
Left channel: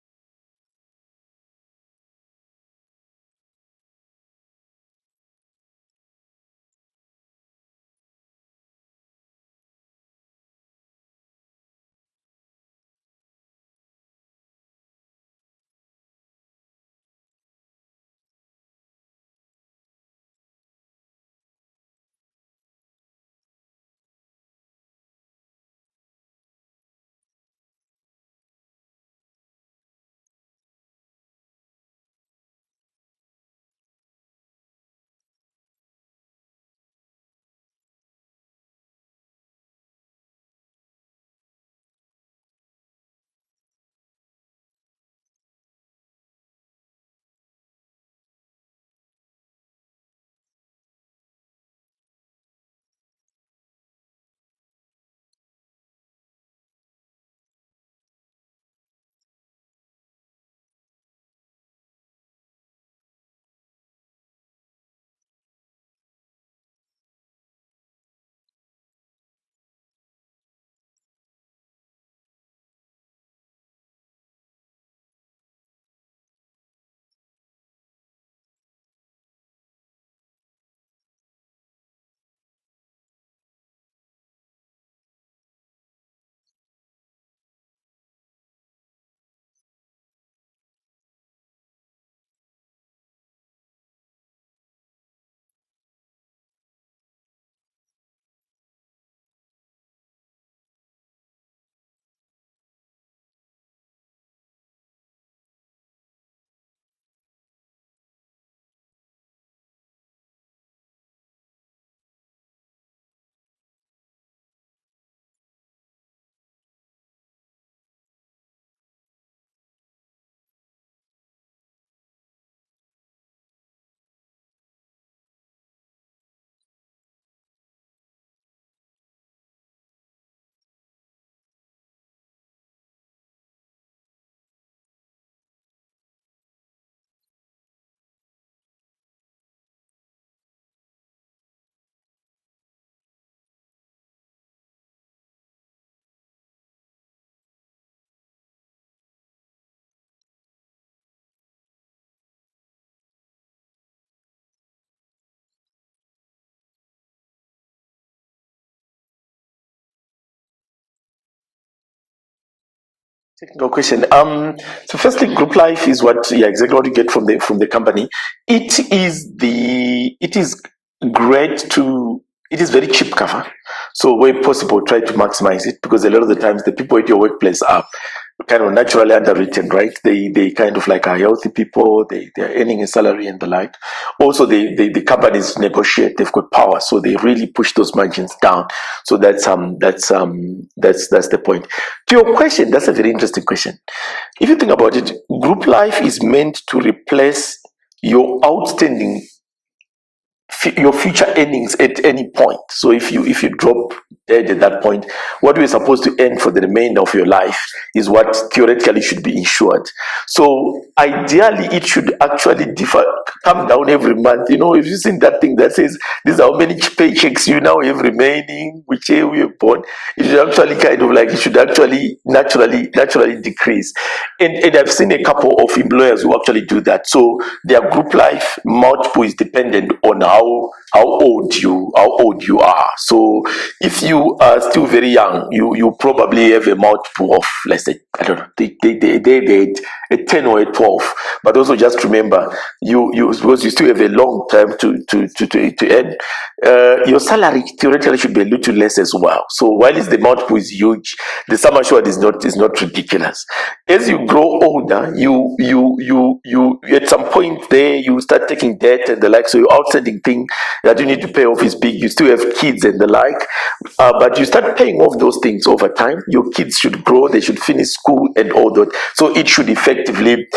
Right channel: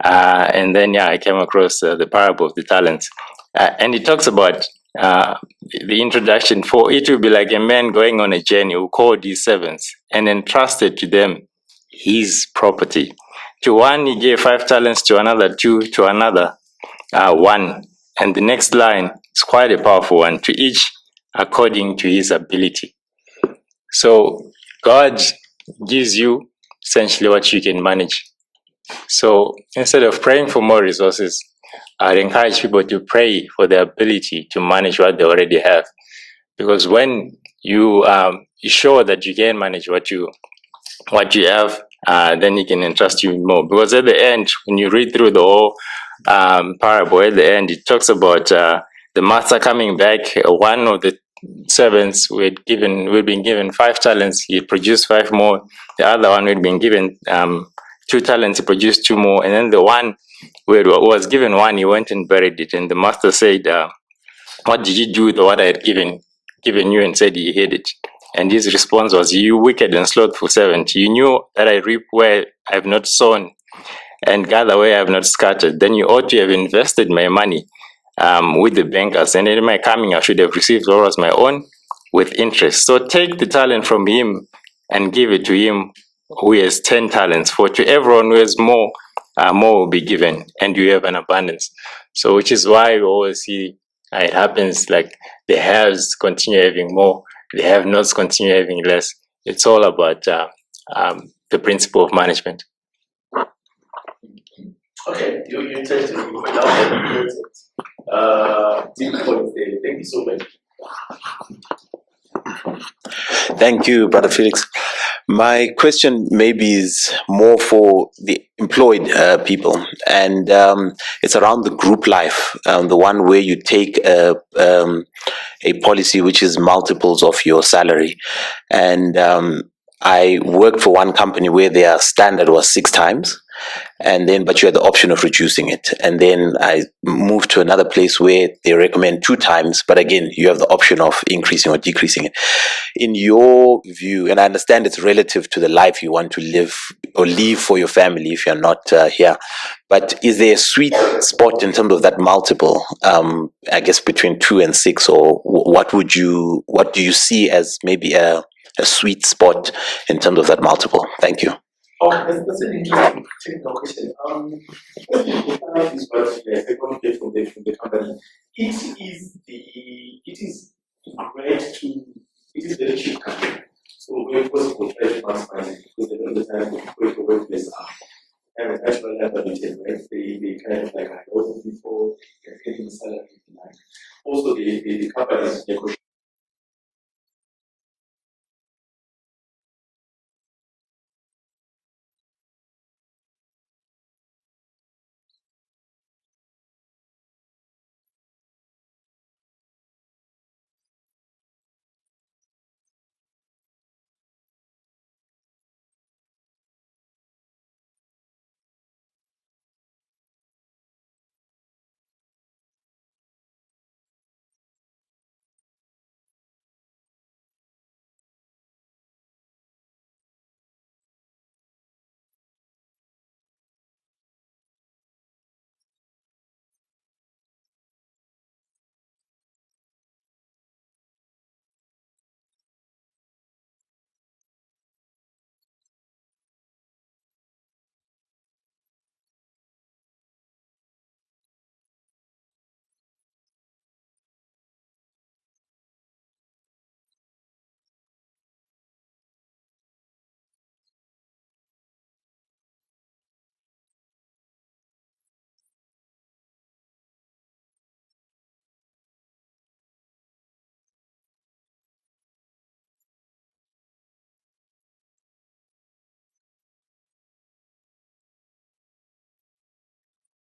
And then, I came across the parable of the talents. And it talks about the introduction. For it will be like a man going on a journey who called his servants and entrusted to them his property. To one, he gave 5 talents, to another 2, to another 1. And the next line is quite a powerful one. To each according to his ability. So God gives you essentially what you can manage. So instead of praying for more resources, I'd encourage people to pray for the ability to manage what they already have. Because when you sure that you can manage what you have, then He can entrust you more. Because at the end, when you read through the whole parable, at the end, it talks about the master coming back. One of the servants who had been given 5 talents, he produced 5 more. The other one who had been given 2 talents, he produced 2 more. And then the one who was given 1, he went and buried it. And the master said, "What did you do with what I had given you?" And said he hid it. And his response was, "You wicked and slothful servant, you knew that I reap where I have not sown and gather where I have not scattered. Then you ought to have invested my money with the bankers, and in my coming I should have received what was my own with interest. So take the talent from him and give it to him who has 10 talents. For to everyone who has more will be given, and you have an abundance." So which is why we always see it happens like the haves continue having more, the have-nots continue having less. It's all about the principle of management. Okay, you touched deep points there. Thank you so much. Thank you, Brother Felix. My question maybe is more for the employed people, and it's around the group life, the one where you take a policy which is multiples of your salary. And I worked for one company where their standard was 6 times. And then, but you had the option of reducing it. And then I moved to another place where they recommend 2 times, but again, you have the option of increasing or decreasing it. In your view, and I understand it's relative to the life you want to live or leave for your family if you're not here, but is there a sweet spot in terms of that multiple? I guess between 2 and 6, or what do you see as maybe a sweet spot in terms of that multiple? Thank you. Oh, that's an interesting technical question. So firstly, group life is exactly what you get from the company. It is great to it is very cheap cover. So where possible, try to maximize it, because a lot of the times the people at your workplace are kind of naturally underwritten, right? They kind of like are healthy people, they're earning a salary and the like. Also, the companies negotiate, they've got power, so they really push those margins down. So that's the point. To your question, that's a very interesting question. If you think about it, group life is meant to replace your outstanding your future earnings at any point. So if you drop dead at that point, what you're supposed to earn for the remainder of your life is what theoretically should be insured. So ideally, it should actually differ, come down every month. If you've seen that thing that says these are how many paychecks you now have remaining, which year we are born, it should actually kind of like it should actually naturally decrease. And I've seen a couple of employers who actually do that. So their group life multiple is dependent on how old you are. So if you are still very young, you probably have a multiple of, let's say, I don't know, they a 10 or a 12. But also just remember, you because you still have a long time to earn. Your salary theoretically should be a little less as well. So while the multiple is huge, the sum assured is not ridiculous. As you grow older, you at some point there you start taking debt and the like. So your outstanding thing that you need to pay off is big. You still have kids and the like, but you start paying off those things over time. Your kids should grow, they should finish school and all that. So it should effectively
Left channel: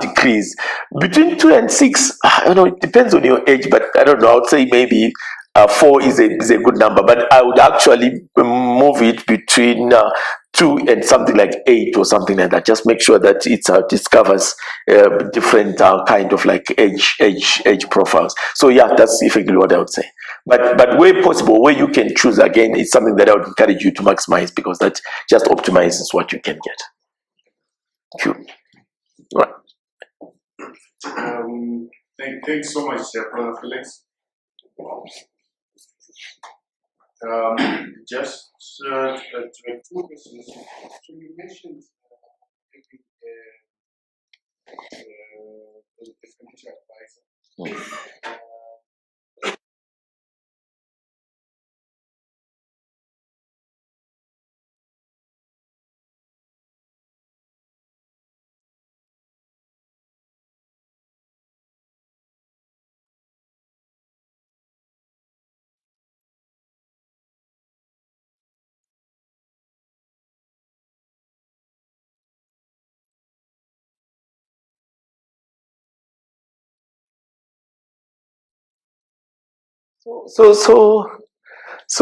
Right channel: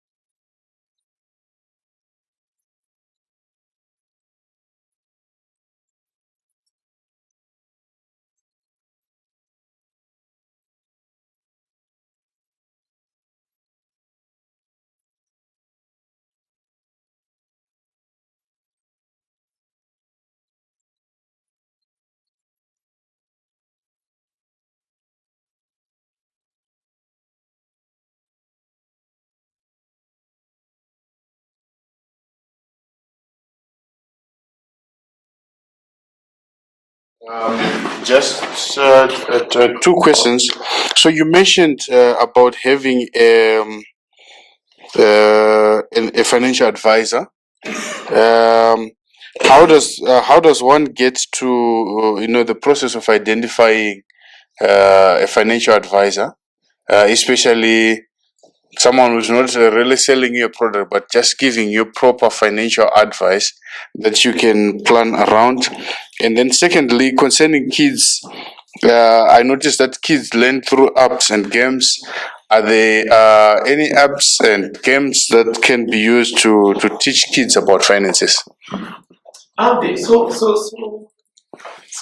decrease between 2 and 6. I don't know. It depends on your age, but I don't know. I would say maybe 4 is a good number, but I would actually move it between 2 and something like 8 or something like that. Just make sure that it covers different kind of like age profiles. So yeah, that's effectively what I would say. But where possible, where you can choose again, is something that I would encourage you to maximize, because that just optimizes what you can get. Cool. Right. Thanks so much, Brother Felix. Just two questions. So you mentioned about having a financial advisor. How does one get to the process of identifying a financial advisor, especially someone who's not really selling you a product, but just giving you proper financial advice that you can plan around? And then secondly, concerning kids, I noticed that kids learn through apps and games. Are there any apps and games that can be used to teach kids about finances? Okay, so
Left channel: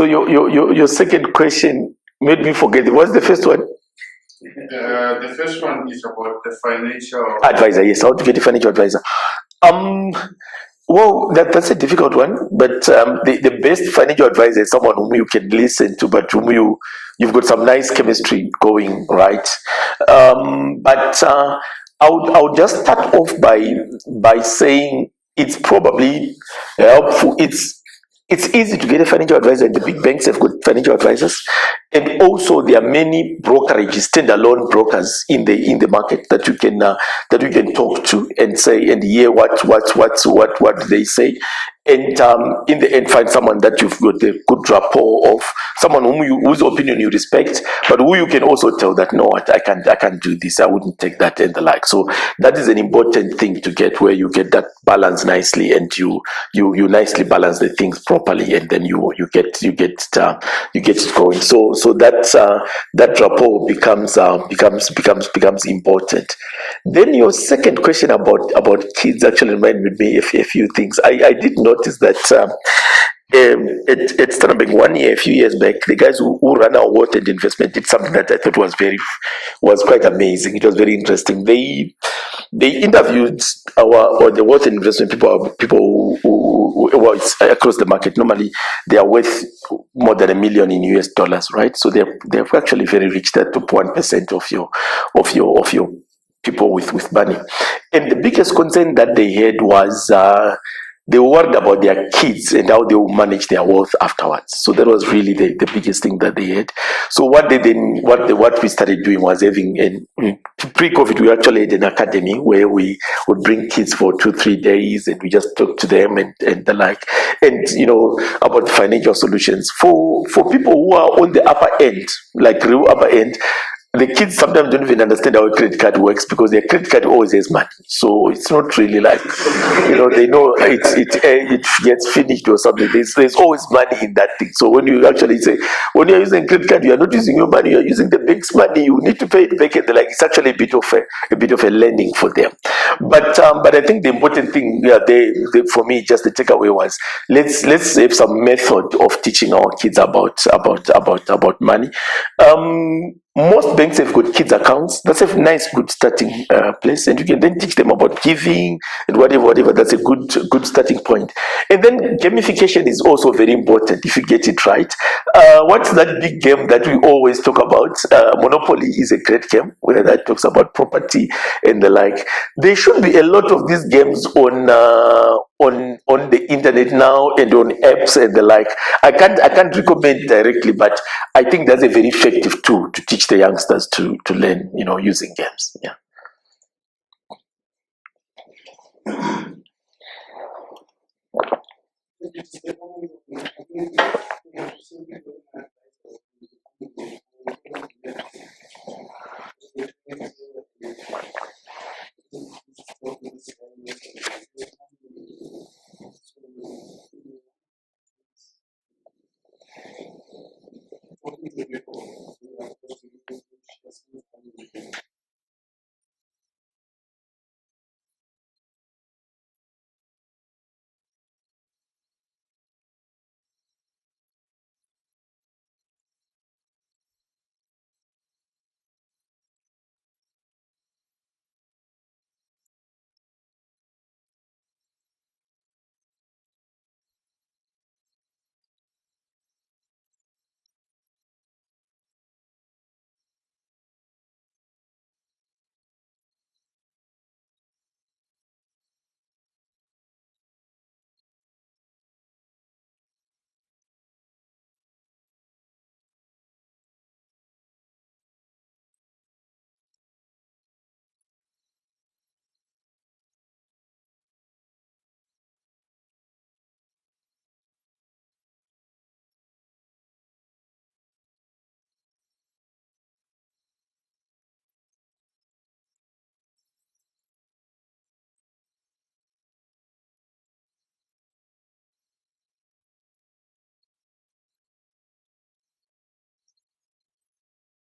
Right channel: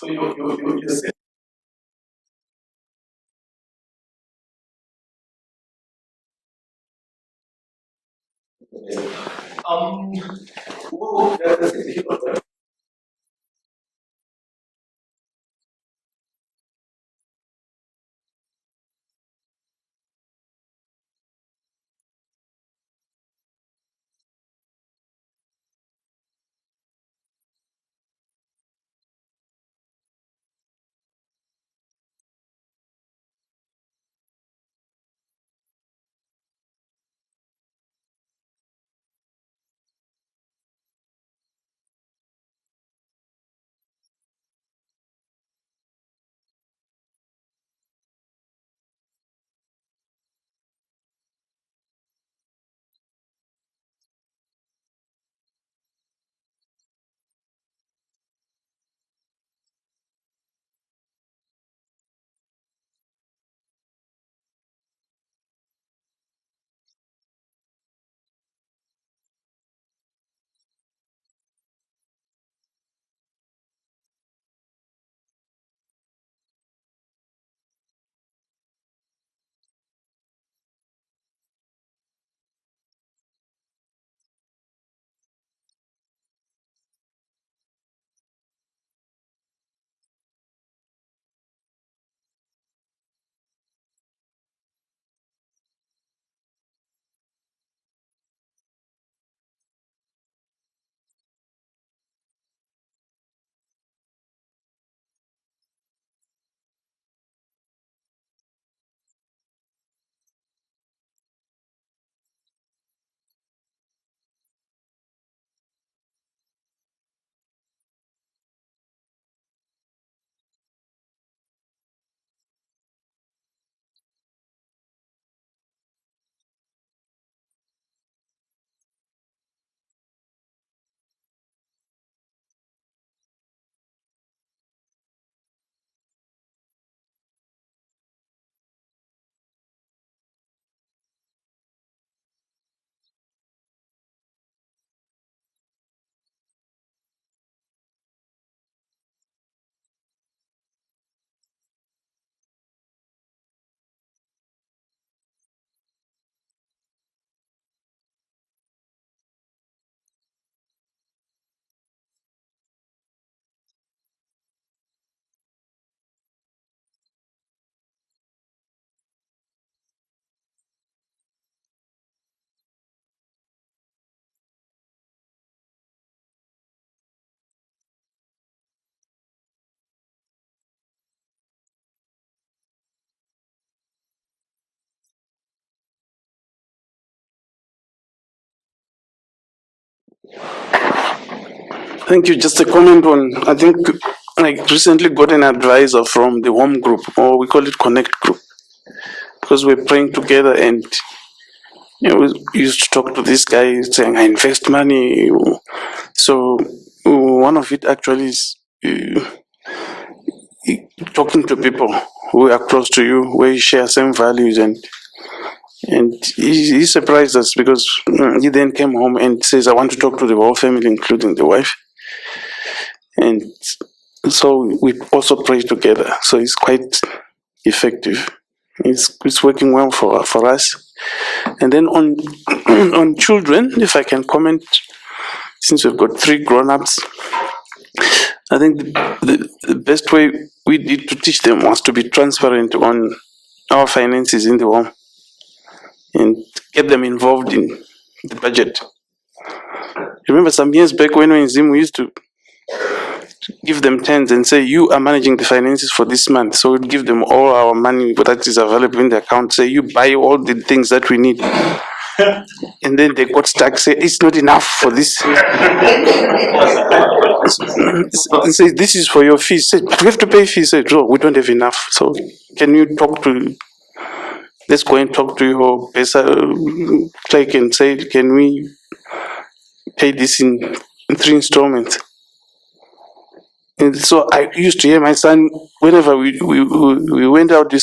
your second question made me forget. What's the first one? The first one is about the financial Advisor. Yes, how to get a financial advisor. Well, that's a difficult one, but the best financial advisor is someone whom you can listen to, but whom you've got some nice chemistry going, right? But I would just start off by saying it's probably helpful. It's easy to get a financial advisor, and the big banks have got financial advisors, and also there are many brokerages, standalone brokers in the market that you can talk to and say and hear what they say, and in the end find someone that you've got a good rapport of, someone whose opinion you respect, but who you can also tell that no, I can't do this, I wouldn't take that and the like. So that is an important thing to get, where you get that balance nicely, and you nicely balance the things properly, and then you get it going. So that rapport becomes important. Then your second question about kids actually reminded me of a few things. I did notice that at Standard Bank 1 year, a few years back, the guys who ran our water and investment did something that I thought was quite amazing. It was very interesting. They interviewed the water investment people who well, it's across the market. Normally, they are worth more than $1 million in US dollars, right? So they're actually very rich. They're top 1% of your people with money. And the biggest concern that they had was they were worried about their kids and how they will manage their wealth afterwards. So that was really the biggest thing that they had. So what we started doing was having pre-COVID, we actually had an academy where we would bring kids for 2-3 days and we just talk to them and the like, and about financial solutions for people who are on the upper end, like real upper end. The kids sometimes don't even understand how a credit card works because their credit card always has money. So it's not really like, they know it gets finished or something. There's always money in that thing. So when you actually say, when you're using credit card, you are not using your money, you're using the bank's money. You need to pay it back. And like, it's actually a bit of a learning for them. But I think the important thing, for me, just the takeaway was let's have some method of teaching our kids about money. Most banks have got kids accounts. That's a nice, good starting place, and you can then teach them about giving and whatever. That's a good starting point. And then gamification is also very important if you get it right. What's that big game that we always talk about? Monopoly is a great game where that talks about property and the like. There should be a lot of these games on the internet now and on apps and the like. I can't recommend directly, but I think that's a very effective tool to teach the youngsters to learn, using games. Yeah. Thank you. Just a comment on, I think I recently got an advisor from the home group, or we call it Connect group, because we're praying together and we used to talk to this guy saying, I invest money. So one of it actually is talking to people who are close to you, where you share same values, and he surprised us because he then came home and says, I want to talk to the whole family, including the wife. And so we also pray together. So it's quite effective. It's working well for us. And then on on children, if I can comment, since we've got 3 grown-ups, I think the best way we did to teach them was to be transparent on our finances in the home and get them involved in the budget. Remember some years back when we were in Zim, we used to give them tens and say, you are managing the finances for this month. So we'd give them all our money that is available in the account, say, you buy all the things that we need. And then they got stuck, say, it's not enough for this. And say, this is for your fees. Say, but we have to pay fees. Say, no, we don't have enough. So can you let's go and talk to your PESA clerk and say, can we pay this in 3 installments? And so I used to hear my son, whenever we went out, you'd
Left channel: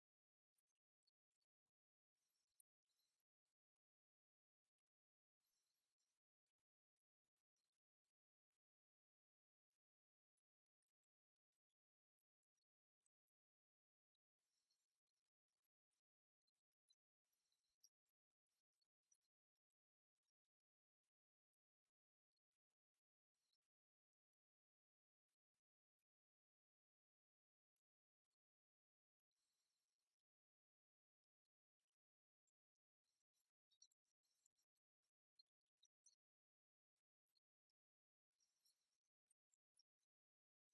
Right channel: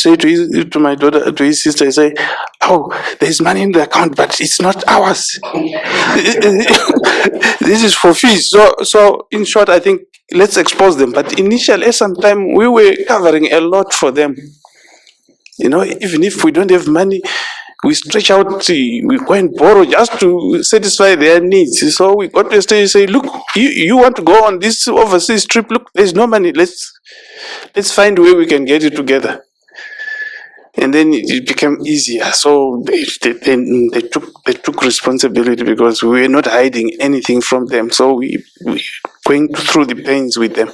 say to my daughter, to his sister, you say, oh, there's money in the account, but it's not ours. This is for fees. So in short, I think let's expose them. But initially, sometimes we were covering a lot for them. Even if we don't have money, we stretch out, we go and borrow just to satisfy their needs. So we got to a stage, say, look, you want to go on this overseas trip, look, there's no money, let's find a way we can get it together. And then it became easier. So they took responsibility because we were not hiding anything from them. So we going through the pains with them.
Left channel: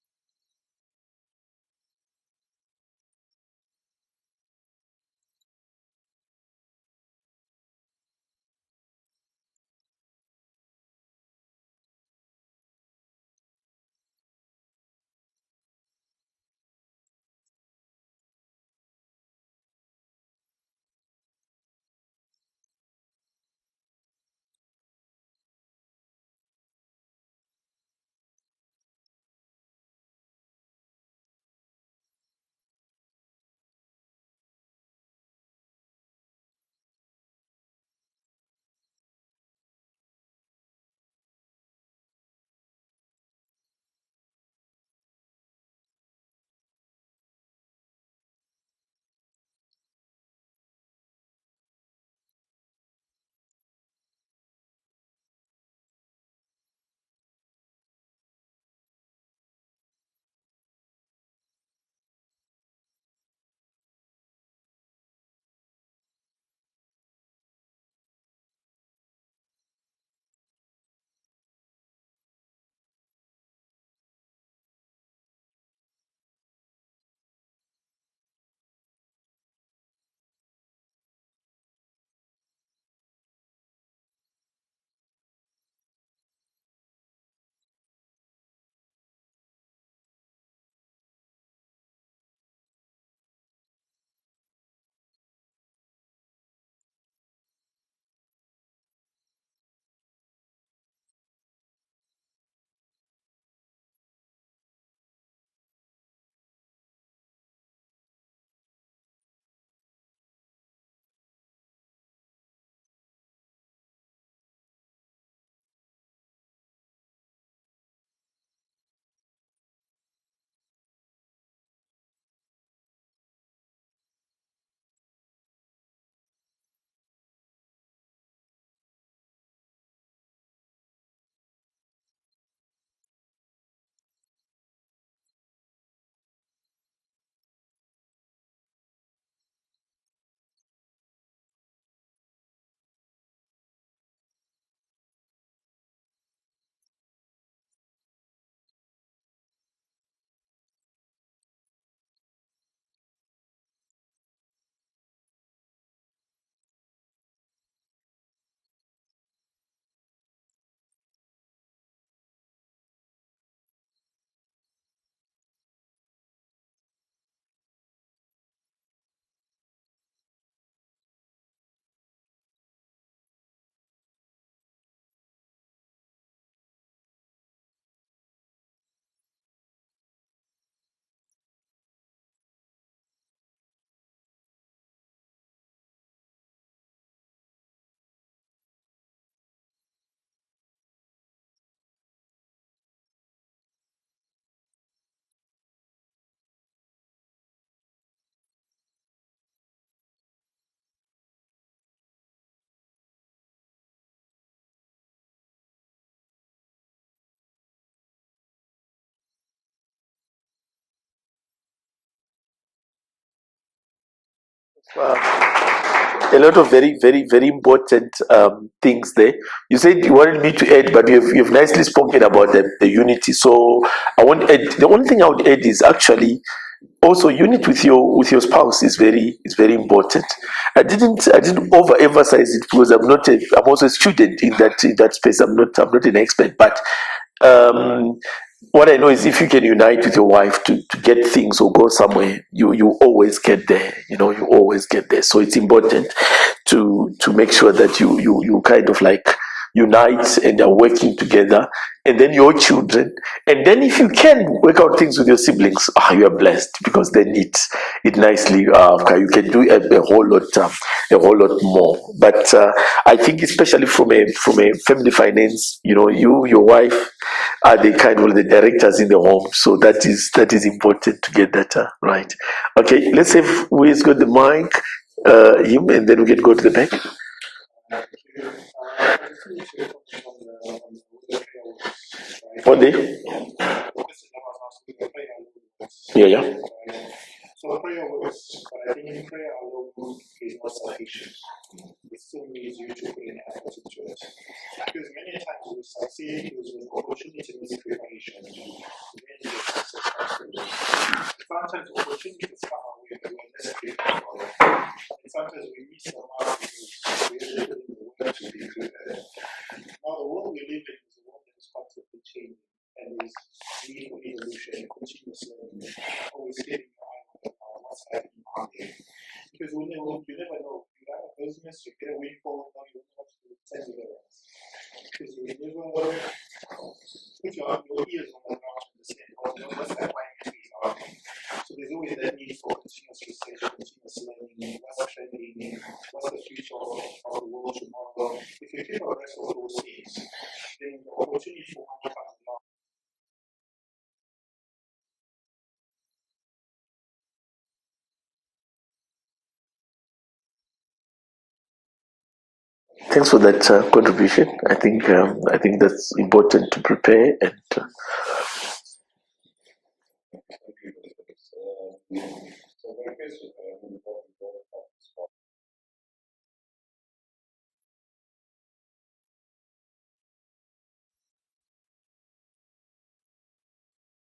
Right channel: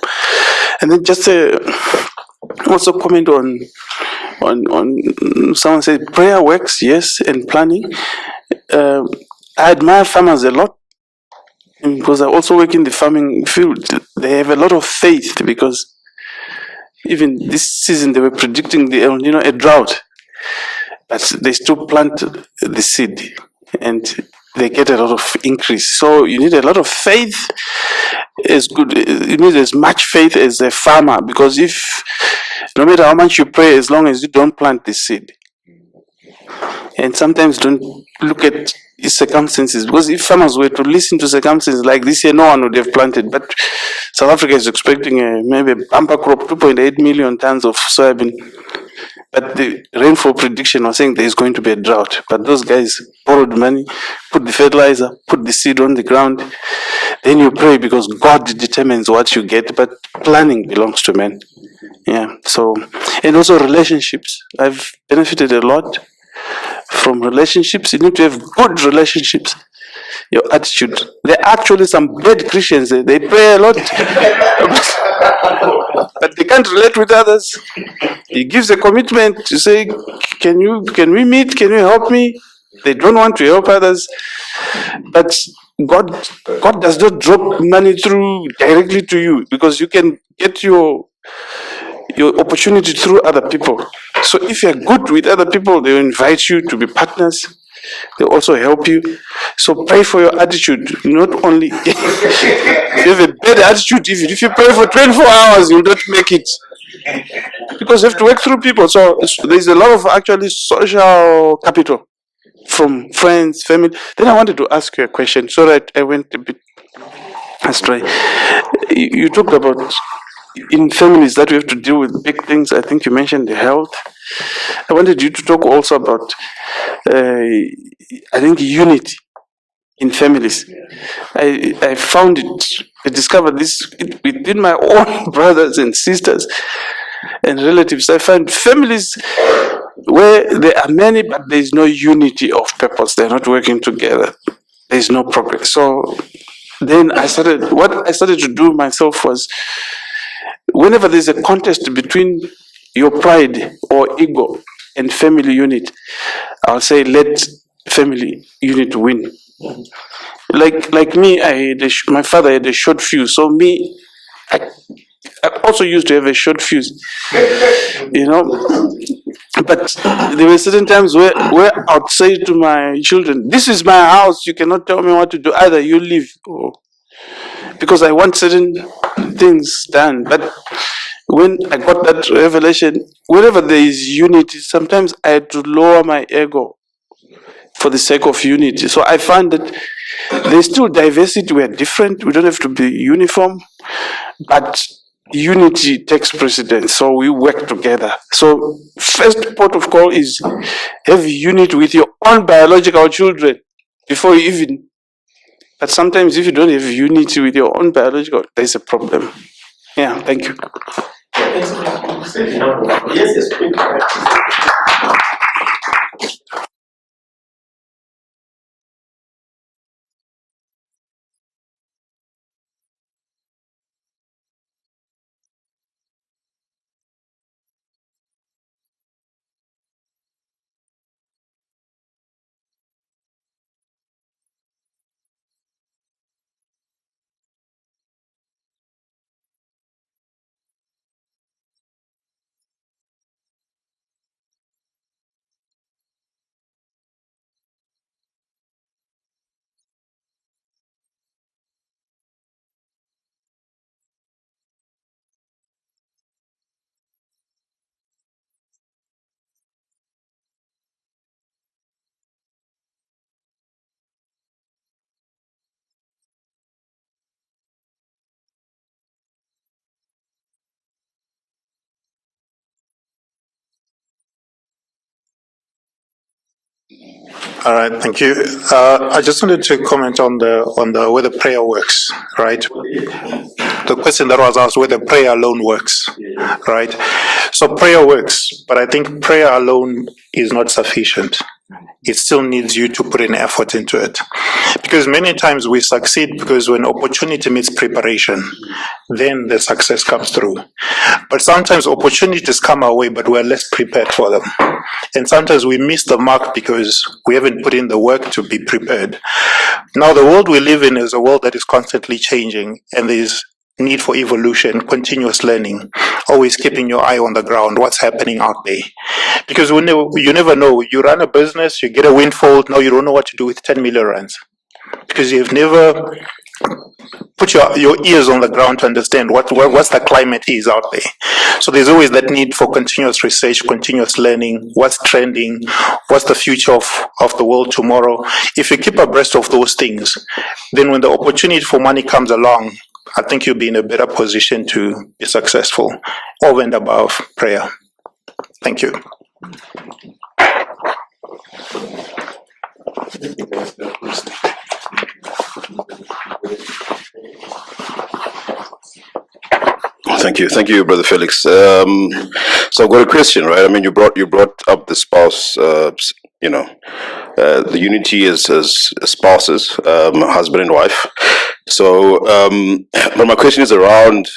And then just also comment on someone said prayer works, yes, and planning. I admire farmers a lot because I also work in the farming field. They have a lot of faith because even this season they were predicting a drought, but they still plant the seed and they get a lot of increase. So you need a lot of faith. You need as much faith as a farmer, because if no matter how much you pray, as long as you don't plant the seed, and sometimes don't look at circumstances, because if farmers were to listen to circumstances like this year, no one would have planted. But South Africa is expecting maybe a bumper crop, 2.8 million tons of soybean. But the rainfall prediction was saying there is going to be a drought. But those guys borrowed money, put the fertilizer, put the seed on the ground. Then you pray because God determines what you get, but planning belongs to men. Yeah. So, and also relationships. I've benefited a lot from relationships. You need to have good relationships. your attitude. There are actually some bad Christians. They pray a lot, but they can't relate with others. He gives a commitment to say, can we meet? Can you help me? They don't want to help others. But God does not drop money through directly to you, because you can get your opportunity through other people. So if you're good with other people, they will invite you to be partners. They also help you. So pray for your attitude. Not only if you have a bad attitude, if you pray for 24 hours, you'll not make it. Because you have to work through people. So there's a lot of actually social capital from friends, family. Then I wanted to ask you a question, so that I went a bit astray. You talked about in families that we have to deal with big things. I think you mentioned the health. I wanted you to talk also about, I think, unity in families. I found it, I discovered this within my own brothers and sisters and relatives. I find families where there are many, but there is no unity of purpose. They're not working together. There is no progress. So then what I started to do myself was, whenever there's a contest between your pride or ego and family unit, I'll say, let family unit win. Like me, my father had a short fuse. So I also used to have a short fuse, you know. But there were certain times where I'd say to my children, "This is my house. You cannot tell me what to do. Either you leave, or," because I want certain things done. But when I got that revelation, wherever there is unity, sometimes I had to lower my ego for the sake of unity. So I found that there's still diversity. We're different. We don't have to be uniform, but unity takes precedence. So we work together. So first port of call is have unity with your own biological children before you even. But sometimes if you don't have unity with your own biological, there's a problem. Yeah, thank you. Yes, a lot of very, very, very important things there. You said you wanted me to add, but you've nicely spoken about the unity. So I want to add, the only thing I would add is actually also unity with your spouse is very important. I didn't overemphasize it because I'm also a student in that space. I'm not an expert, but um, what I know is if you can unite with your wife to get things or go somewhere, you always get there. You always get there. So it's important to make sure that you kind of like unite and are working together, and then your children, and then if you can work out things with your siblings, you are blessed, because then it nicely you can do a whole lot more. But I think especially from a family finance, your wife are the kind of the directors in the home, so that is important to get that right. Okay, let's see who has got the mic, him, and then we can go to the back. All right, thank you. I just wanted to comment on the whether prayer works, right? What day? The question that was asked, whether prayer alone works. Yeah. Right. So prayer works, but I think prayer alone is not sufficient. It still needs you to put an effort into it. Because many times we succeed because when opportunity meets preparation, then the success comes through. But sometimes opportunities come our way, but we're less prepared for them. And sometimes we miss the mark because we haven't put in the work to be prepared. Now, the world we live in is a world that is constantly changing, and there's need for evolution, continuous learning, always keeping your eye on the ground, what's happening out there. Because you never know. You run a business, you get a windfall, now you don't know what to do with 10 million rands. Because you've never put your ears on the ground to understand what's the climate is out there. So there's always that need for continuous research, continuous learning, what's trending, what's the future of the world tomorrow. If you keep abreast of those things, then when the opportunity for money comes along, I think you'll be in a better position to be successful, over and above prayer. Thank you. Thanks for that contribution. I think that's important to prepare. And Thank you, Brother Felix. So I've got a question, right? I mean, you brought up the spouse, the unity as spouses, husband and wife. So, but my question is around,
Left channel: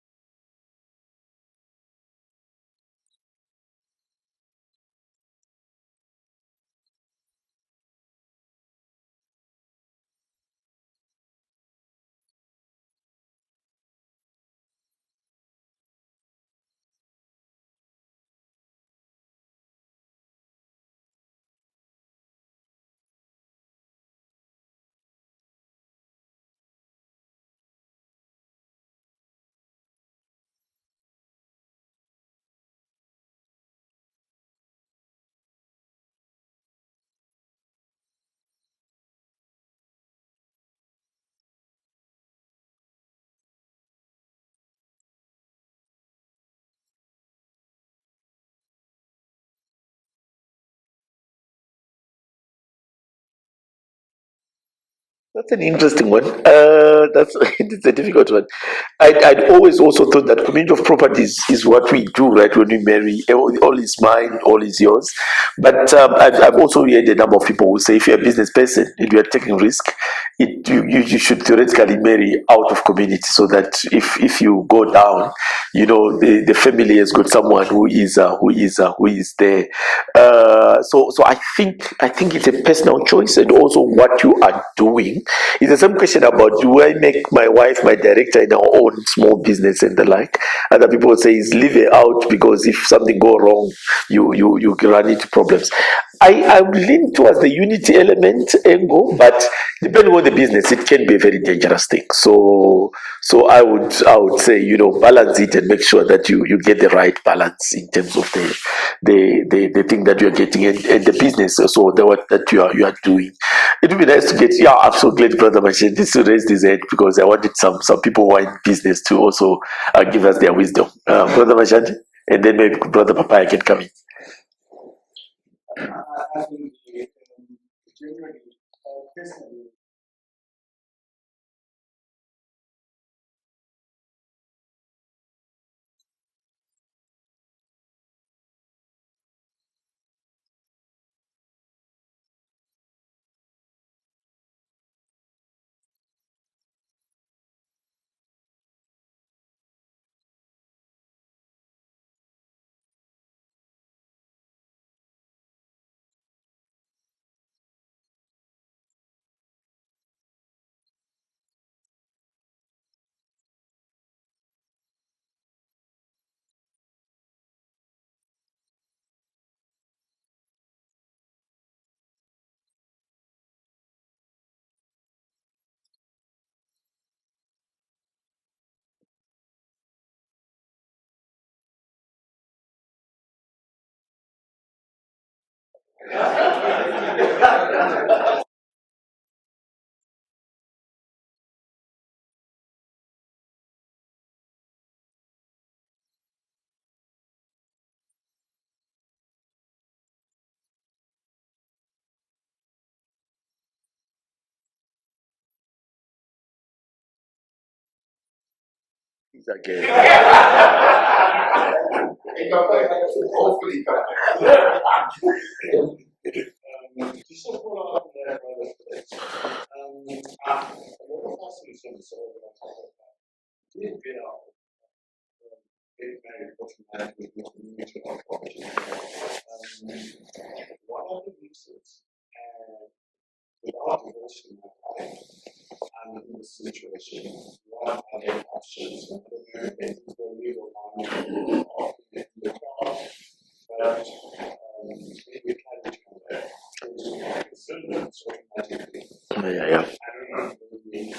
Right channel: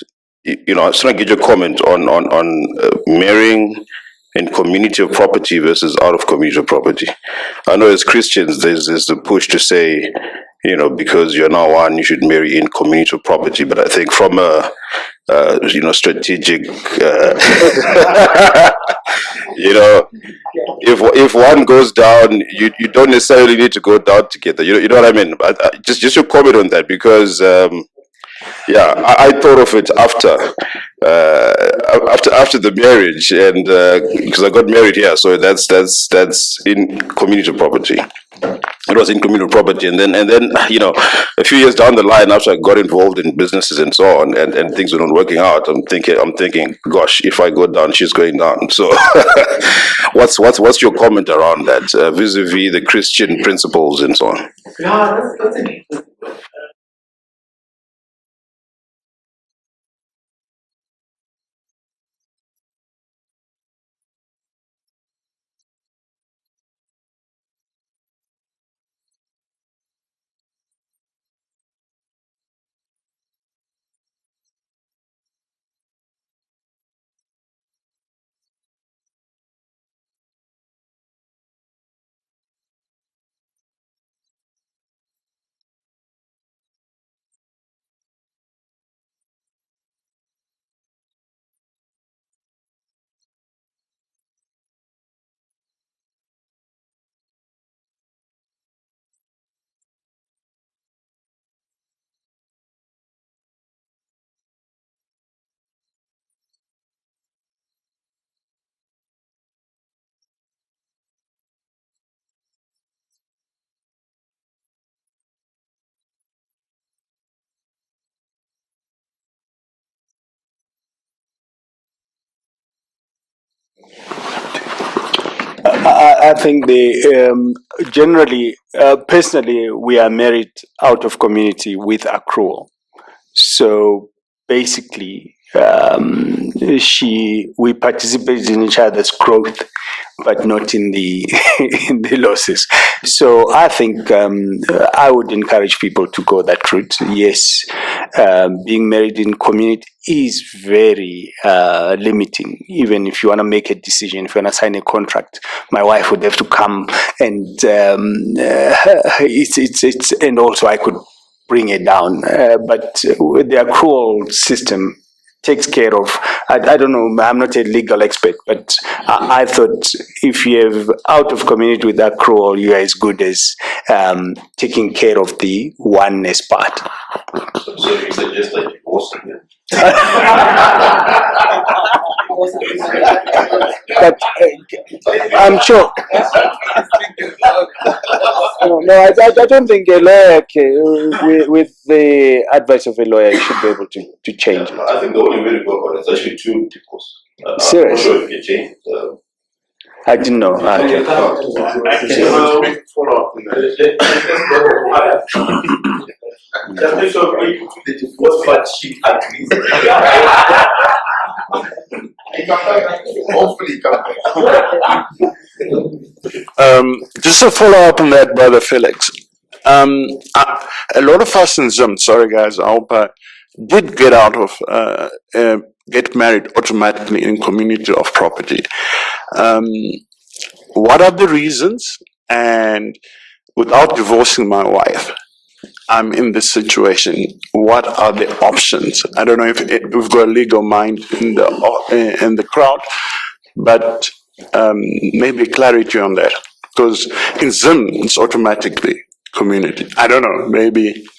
I just want to get your comment on marrying in community of property versus out of community of property. I know as Christians, there's the push to say, because you're now one, you should marry in community of property. But I think from a strategic, if one goes down, you don't necessarily need to go down together. You know what I mean? Just your comment on that, because I thought of it after the marriage, and because I got married here, so that's in community property. It was in communal property, and then a few years down the line, after I got involved in businesses and so on, and things were not working out, I'm thinking, gosh, if I go down, she's going down. So, what's your comment around that, vis-a-vis the Christian principles and so on? Yeah, that's an interesting one. It's a difficult one. I'd always also thought that community of properties is what we do, right? When we marry, all is mine, all is yours. But I've also heard a number of people who say, if you're a business person and you're taking risk, you should theoretically marry out of community, so that if you go down, the family has got someone who is there. So I think it's a personal choice, and also what you are doing. It's the same question about, do I make my wife my director in our own small business and the like? Other people say is leave her out, because if something go wrong, you run into problems. I would lean towards the unity element angle, but depending on the business, it can be a very dangerous thing. So I would say, balance it and make sure that you get the right balance in terms of the thing that you're getting, and the business also, the work that you are doing. It would be nice to get. Yeah, I'm so glad Brother Machine this raised his head, because I wanted some people who are in business to also give us their wisdom. Brother Machine, and then maybe Brother Papaya can come in. I think generally, personally, we are married out of community with accrual. So basically, we participate in each other's growth, but not in the in the losses. So I think I would encourage people to go that route. Yes, being married in community is very limiting. Even if you want to make a decision, if you want to sign a contract, my wife would have to come, and it's and also I could bring it down. But the accrual system takes care of, I don't know, I'm not a legal expert, but I thought if you have out of community with accrual, you are as good as taking care of the oneness part. So you suggest like divorcing them? But I'm sure. No, I don't think a lawyer, with the advice of a lawyer, you should be able to change it. I think the only way to go about it is actually two divorce. Serious? I'm not sure if you change. I didn't know. I can follow up on that. Just make sure the divorce part she agrees. Hopefully, Just to follow up on that, Brother Felix. A lot of us in Zim, sorry guys, I hope I did get out of, get married automatically in community of property. What are the reasons? And without divorcing my wife, I'm in this situation. What are the options? I don't know if we've got a legal mind in the crowd, but maybe clarity on that. Because in Zim, it's automatically community. I don't know, maybe.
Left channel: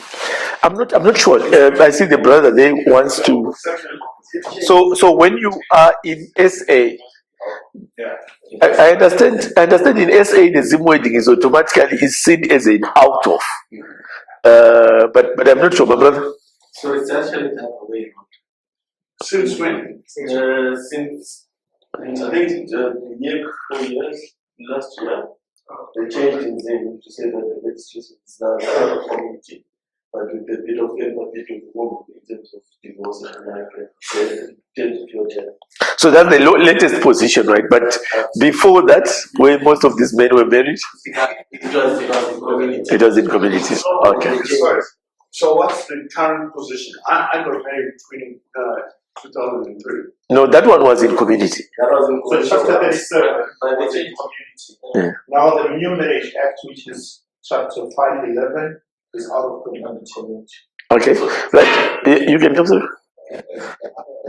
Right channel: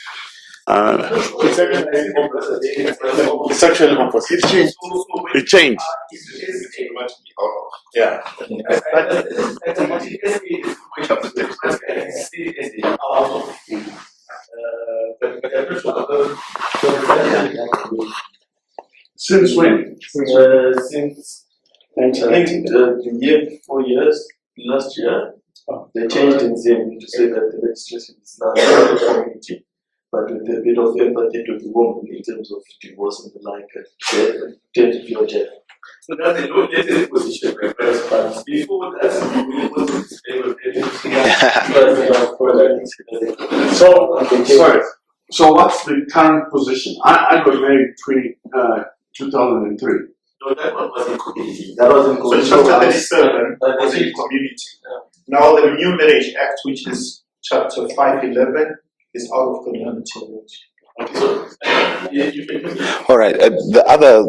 I'm not sure. I see the brother there wants to. It's actually opposite. So when you are in SA, I understand in SA the Zim wedding is automatically seen as an out of. But I'm not sure, my brother. Since when? Since I think the year before last year, they changed in Zim to say that the legislation is now not a community. but with a bit of empathy to the woman in terms of divorce and the like, and tend to feel jealous. So that's the latest position, right? But before that, where most of these men were married, it was in community. So, okay. Sorry. So what's the current position? I got married between 2003. No, that one was in community. That was in community. So chapter 37 was in in community. Yeah. Now the New Marriage Act, which is chapter 511, is out of community. Okay, right. You can come. All right. The other,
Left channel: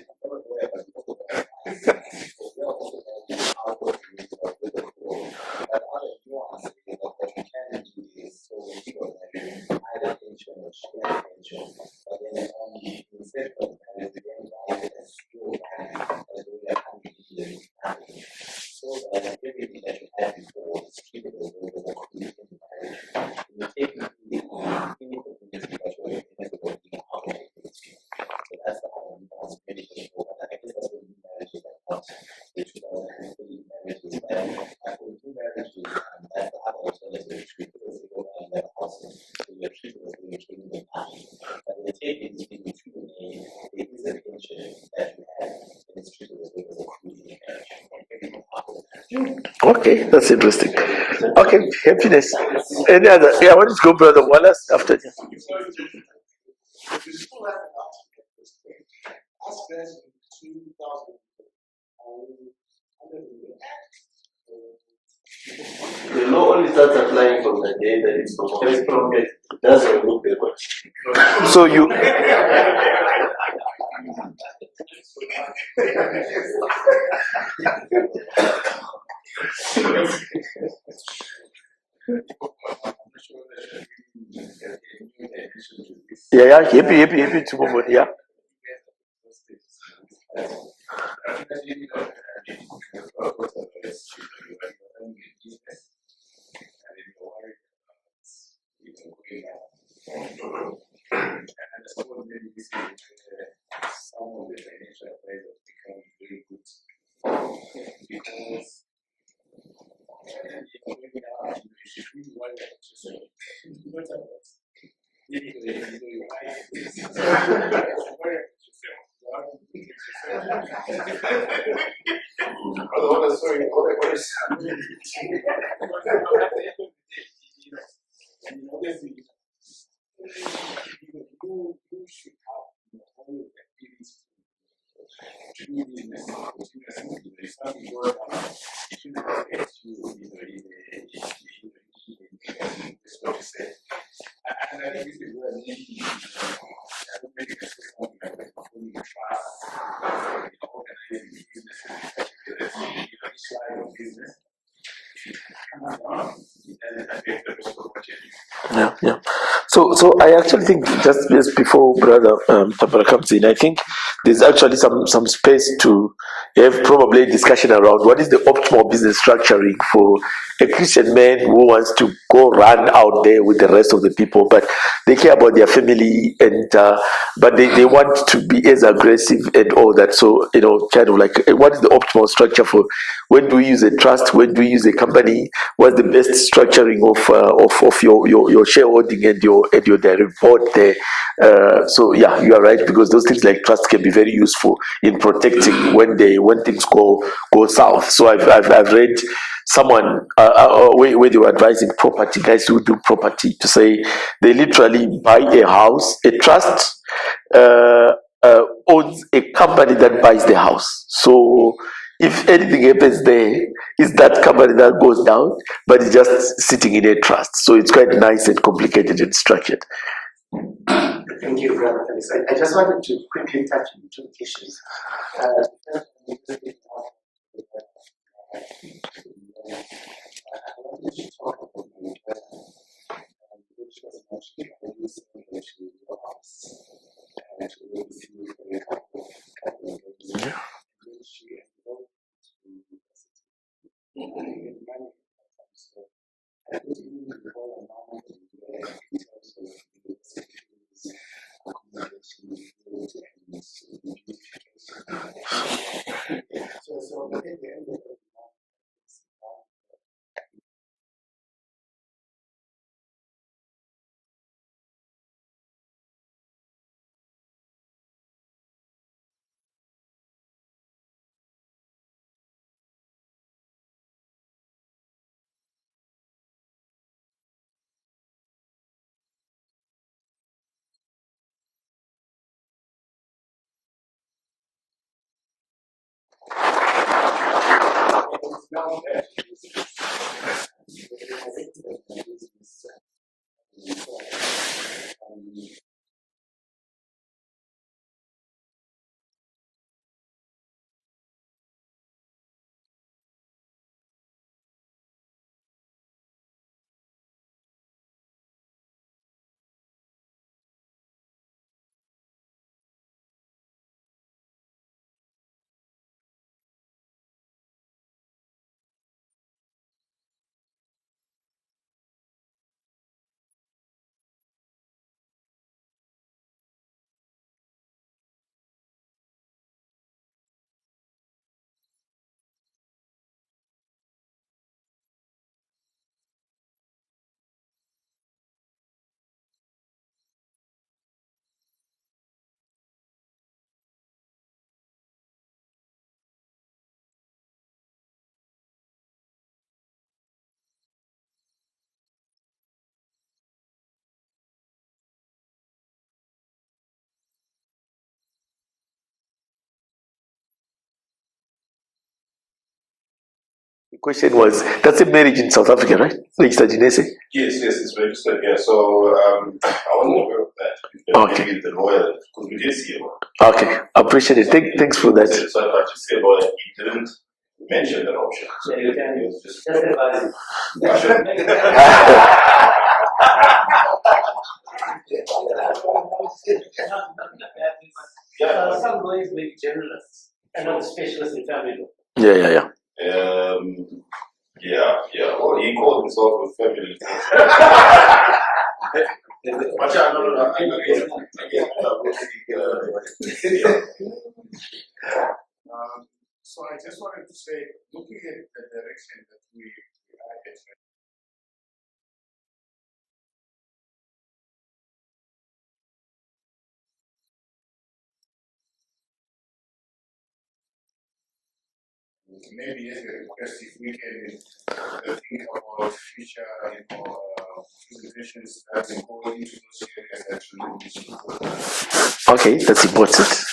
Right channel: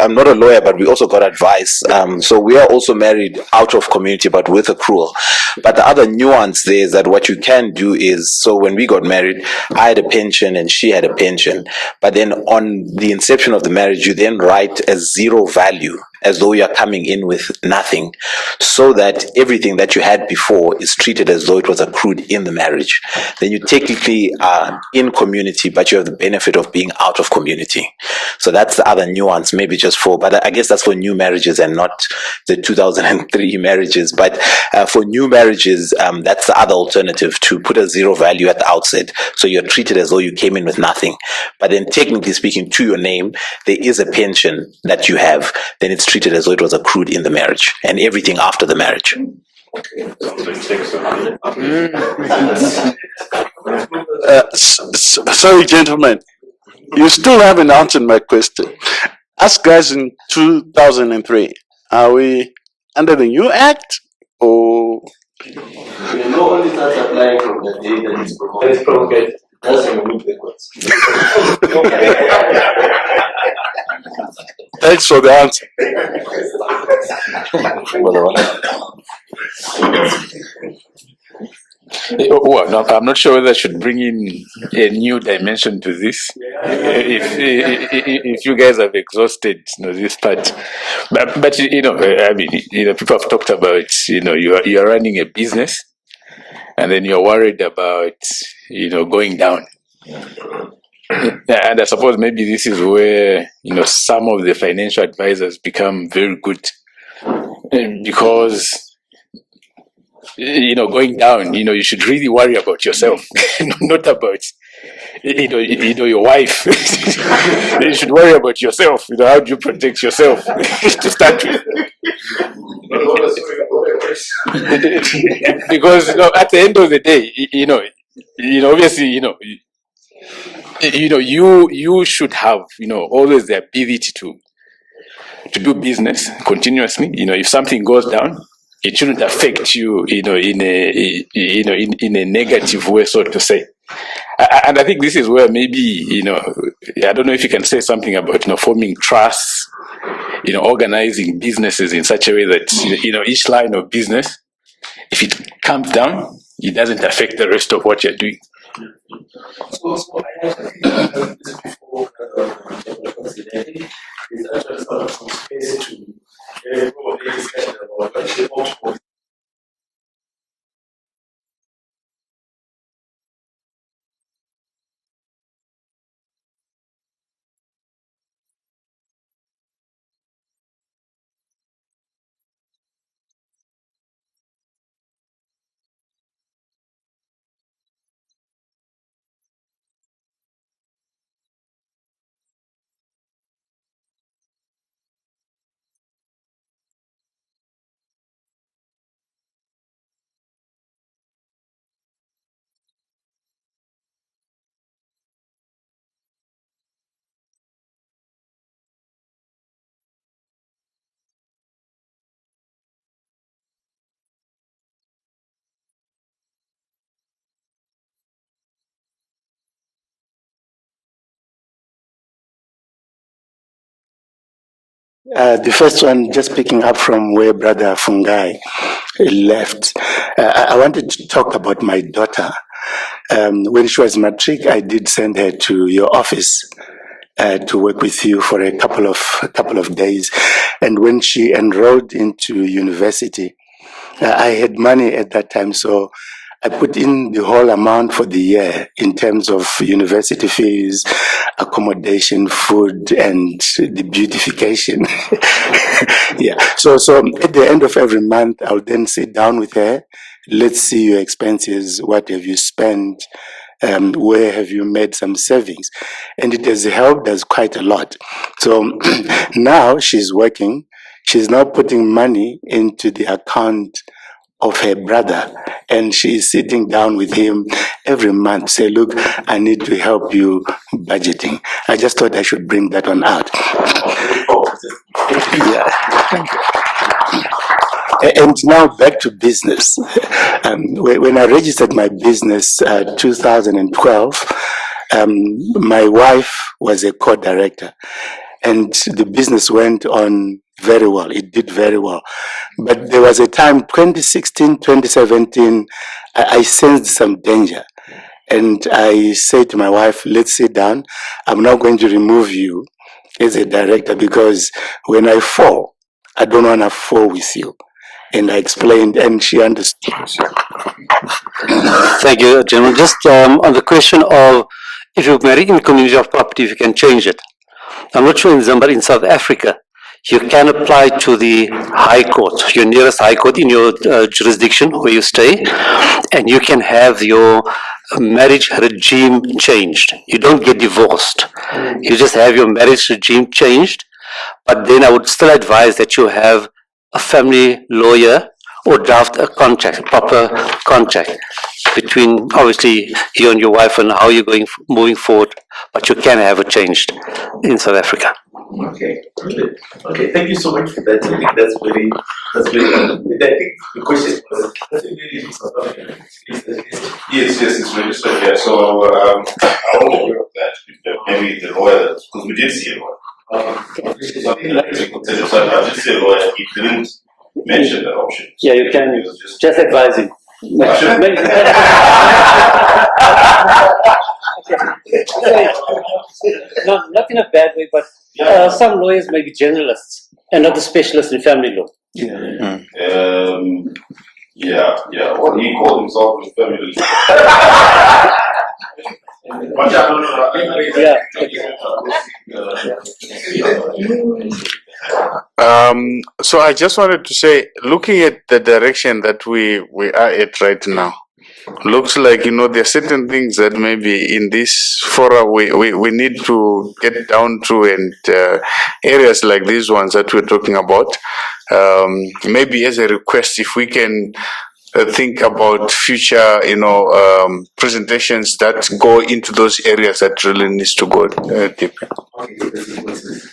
I'm not a lawyer, but we also got advice. So we are also married out of community, but with accrual. But the other nuance there is that what you can do is, so when we got married, I had a pension and she had a pension. But then on the inception of the marriage, you then write as zero value, as though you're coming in with nothing, so that everything that you had before is treated as though it was accrued in the marriage. Then you technically are in community, but you have the benefit of being out of community. So that's the other nuance, maybe just for, but I guess that's for new marriages and not the 2003 marriages. But for new marriages, that's the other alternative, to put a zero value at the outset. So you're treated as though you came in with nothing. But then technically speaking, to your name, there is a pension that you have. Then it's treated as though it was accrued in the marriage, and everything after the marriage. Okay, that's interesting. Okay, finish. Any other? Yeah, I want to go further. Sorry, gentlemen, you still haven't answered my question. Us guys in 2003, are we under the new act or? The law only starts applying from the day that it's promulgated. That's when we move backwards. So you. Thanks for the answer. Well, no, I'm not sure whether I should bring in a new dimension to this. If you guys have exhausted, this part, but I mean, people have talked about, you are running a business, and then you're worried about, going down. And I suppose maybe this is where, some of the financial advisors become very good, because going down, you should really worry about yourself, not about, your wife. You should worry about yourself. How do you protect yourself to start with? Because at the end of the day, obviously, you should have, always the ability to do business continuously. If something goes down, it shouldn't affect you, in a negative way, so to say. And I think this is where maybe, I don't know if you can say something about, forming trusts, organizing businesses in such a way that, each line of business, if it comes down, it doesn't affect the rest of what you're doing. Yeah. So I actually think just before Brother Tapara comes in, I think there's actually some space to have probably a discussion around what is the optimal business structuring for a Christian man who wants to go run out there with the rest of the people, but they care about their family, and but they want to be as aggressive and all that. So kind of like, what is the optimal structure for? When do we use a trust? When do we use a company? What's the best structuring of your shareholding and your direct board there? So yeah, you are right, because those things like trust can be very useful in protecting when things go south. So I've read someone where they were advising property guys who do property, to say they literally buy a house. A trust owns a company that buys the house. So if anything happens there, it's that company that goes down, but it's just sitting in a trust. So it's quite nice and complicated and structured. Thank you, Brother Felix. I just wanted to quickly touch on two issues. The first one, just picking up from where Brother Fungai left, I wanted to talk about my daughter. When she was matric, I did send her to your office to work with you for a couple of days, and when she enrolled into university, I had money at that time, so I put in the whole amount for the year in terms of university fees, accommodation, food, and the beautification. Yeah. So at the end of every month, I'll then sit down with her. Let's see your expenses. What have you spent? where have you made some savings? And it has helped us quite a lot. So now she's working. She's now putting money into the account of her brother, and she is sitting down with him every month, say, look, I need to help you budgeting. I just thought I should bring that one out. Yeah. And now back to business. When I registered my business 2012, my wife was a co-director, and the business went on very well. It did very well. But there was a time, 2016, 2017, I sensed some danger. And I said to my wife, let's sit down. I'm not going to remove you as a director because when I fall, I don't want to fall with you. And I explained, and she understood. Thank you, gentlemen. Just on the question of if you marry in a community of property, if you can change it. I'm not sure in Zimbabwe, in South Africa, you can apply to the High Court, your nearest High Court in your jurisdiction where you stay, and you can have your marriage regime changed. You don't get divorced. You just have your marriage regime changed, but then I would still advise that you have a family lawyer or draft a contract, a proper contract between obviously you and your wife and how you're going moving forward, but you can have it changed in South Africa. Okay, good. Okay, thank you so much for that. I think that's very I think the question was, that's a marriage in South Africa, right? Registered in SA? Yes, it's registered here. So I won't aware of that. Okay. Maybe the lawyer, because we did see a lawyer. Okay, appreciate it. Thanks for that. I did see a lawyer. He didn't mention that option. Yeah, you can just advise him. Not in a bad way, but some lawyers may be generalists and not the specialists in family law. Yeah. Yeah. Well, he called himself a family. So I just wanted to say, looking at the direction that we are at right now, looks like, there are certain things that maybe in this fora we need to get down to, and areas like these ones that we're talking about, maybe as a request, if we can think about future, presentations that go into those areas that really needs to go deep. Okay, that's important.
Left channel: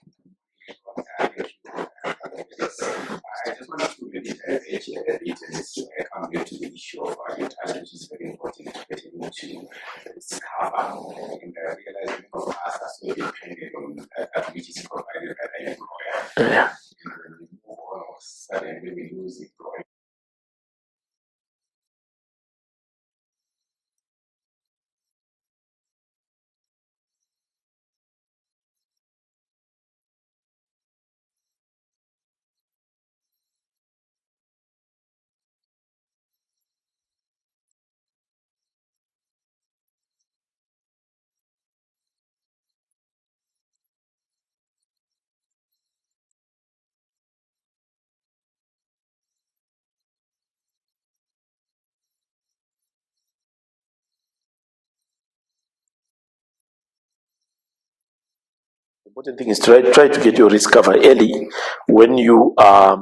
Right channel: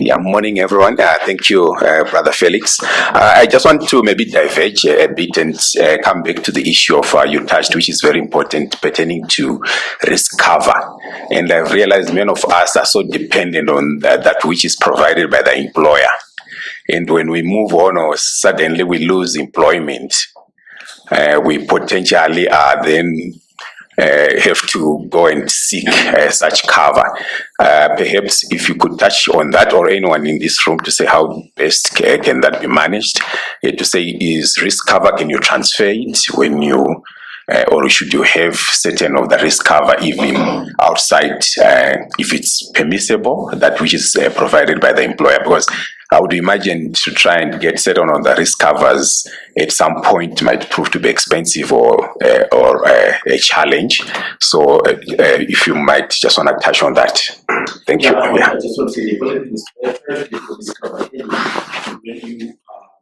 Yeah, morning everyone. Thank you, Brother Felix. I just want to maybe diverge a bit and come back to the issue of you touched, which is very important, pertaining to risk cover. And I've realized many of us are so dependent on that which is provided by the employer. And when we move on or suddenly we lose employment, we potentially are then have to go and seek such cover. Perhaps if you could touch on that, or anyone in this room, to say how best can that be managed, to say, is risk cover, can you transfer it when you or should you have certain of the risk cover even outside, if it's permissible, that which is provided by the employer? Because I would imagine to try and get certain on the risk covers at some point might prove to be expensive or a challenge. So if you might just want to touch on that. Thank you. I just want to say the important thing is try to get your risk cover early when you I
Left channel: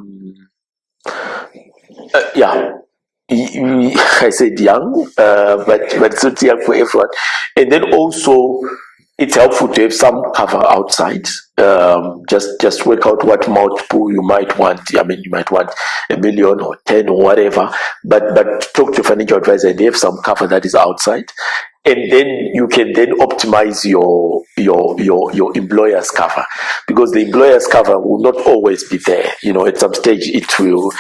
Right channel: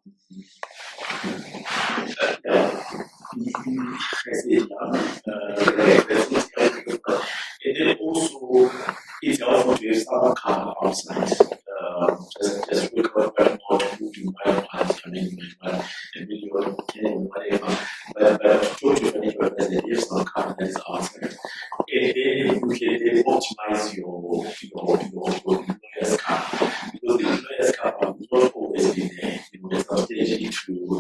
said young, but it's not young for everyone. And then also, it's helpful to have some cover outside. Just work out what multiple you might want. I mean, you might want $1 million or 10 or whatever. But talk to a financial advisor and have some cover that is outside, and then you can then optimize your employer's cover, because the employer's cover will not always be there. At some stage it will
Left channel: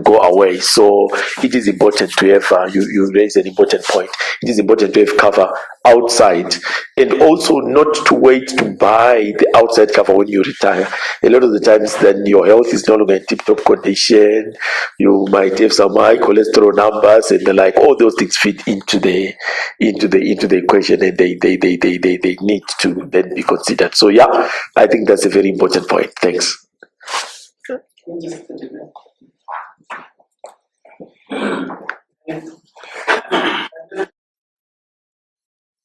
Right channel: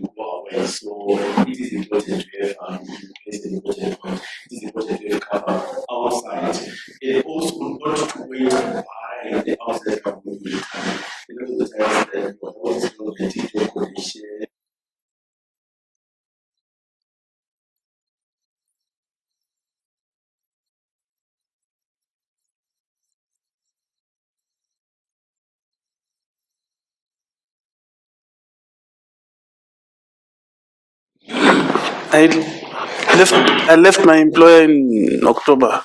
go away. So it is important to have. You raise an important point. It is important to have cover outside, and also not to wait to buy the outside cover when you retire. A lot of the times, then your health is no longer in tip-top condition. You might have some high cholesterol numbers, and all those things fit into the equation, and they need to then be considered. So I think that's a very important point. Thanks. I left my employer in October.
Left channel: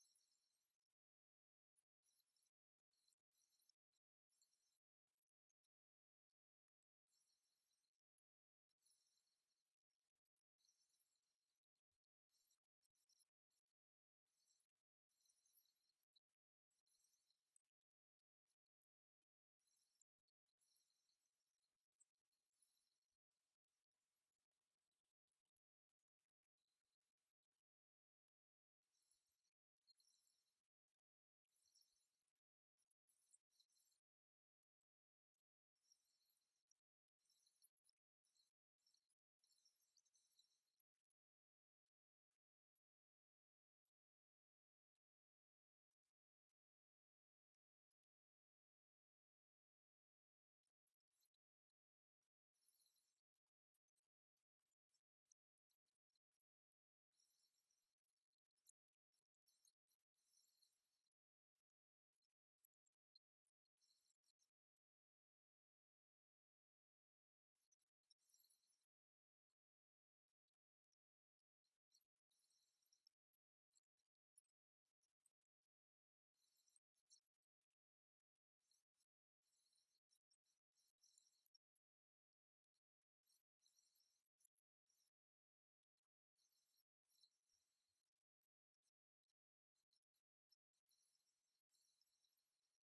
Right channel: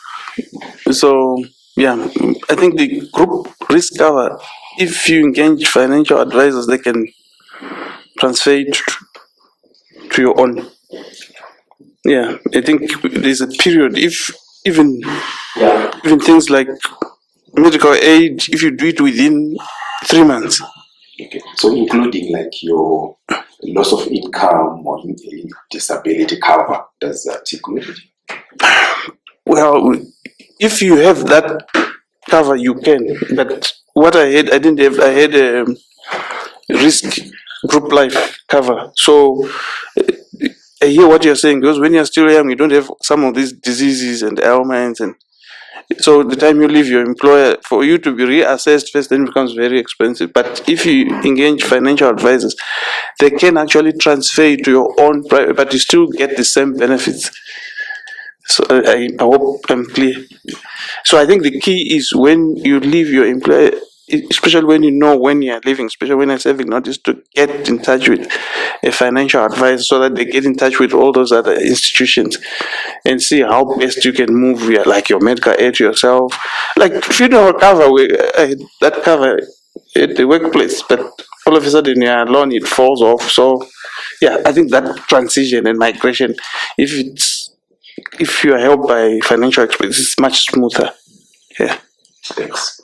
So yeah, I think the group risk cover, if you engage financial advisors, they can transfer it to your own. Yeah, I think there's a period. If even things like medical aid, if you do it within 3 months. Okay. So including like your loss of income or disability cover, does that include it? Well, if you have that cover, you can. But what I had, I didn't have. I had a risk group life cover. So I hear what you're saying, because when you're still young, you don't have some of these diseases and ailments, and so the time you leave your employer, for you to be reassessed first, then it becomes very expensive. But if you engage financial advisors, they can actually transfer you to your own private, but you still get the same benefits. So I hope I'm clear. So I think the key is when you leave your employer, especially when you know when you're leaving, especially when you're serving notice, to get in touch with a financial advisor so that they get in touch with all those other institutions and see how best you can move like your medical aid yourself. Like funeral cover, that cover at the workplace, but all of a sudden you're alone, it falls off. So yeah, I think that transition and migration, if you are helped by financial experts, it's much smoother. Yeah. Thanks.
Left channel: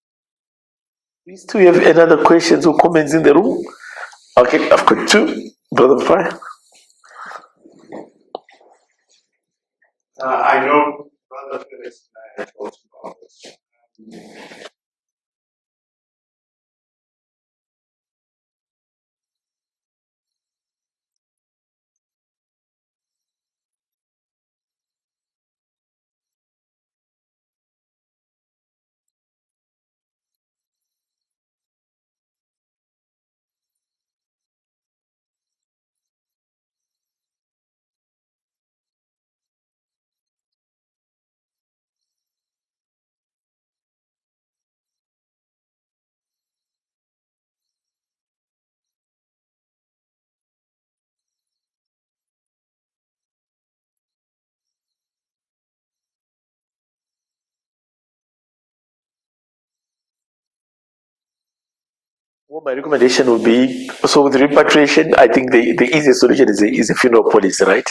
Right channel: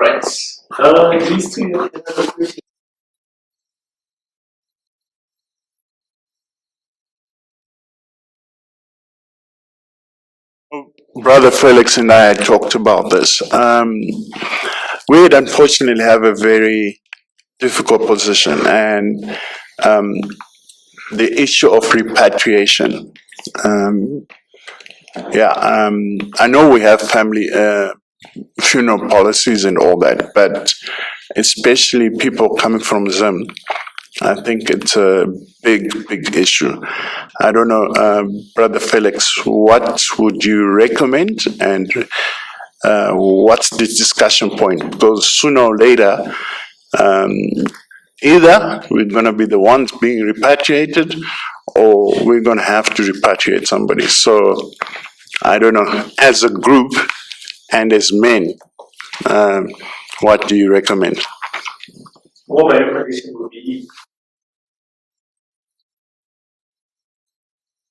Right. Do we have any other questions or comments in the room? Okay, I've got two. Brother Fire. I know Brother Felix and I had talked about this. We would unfortunately have a very difficult position, and the issue of repatriation. I know we have family funeral policies and all that, but especially people coming from Zim, I think it's a big issue. I don't know, Brother Felix, what would you recommend, and what's the discussion point? Because sooner or later, either we're going to be the ones being repatriated, or we're going to have to repatriate somebody. So I don't know, as a group and as men, what do you recommend? What my recommendation would be, so with repatriation, I think the easiest solution is a funeral policy, right?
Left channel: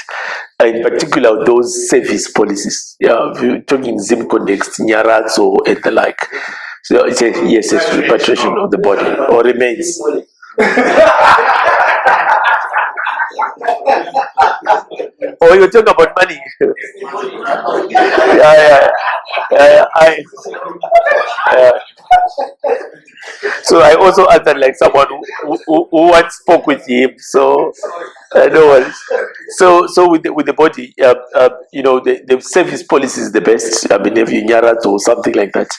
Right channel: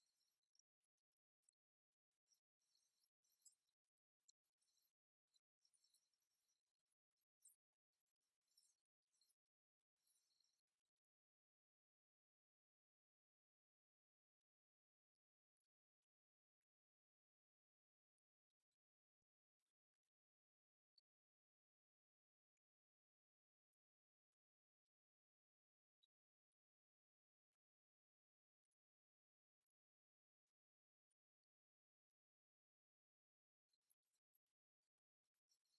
In particular, those service policies. Yeah, if you're talking Zim context, Nyarats or the like. So it's it's repatriation of the body or remains. Oh, you're talking about money. So I also answered like someone who once spoke with him. So no worries. So with the body, the service policy is the best. I mean, if you Nyarat or something like that.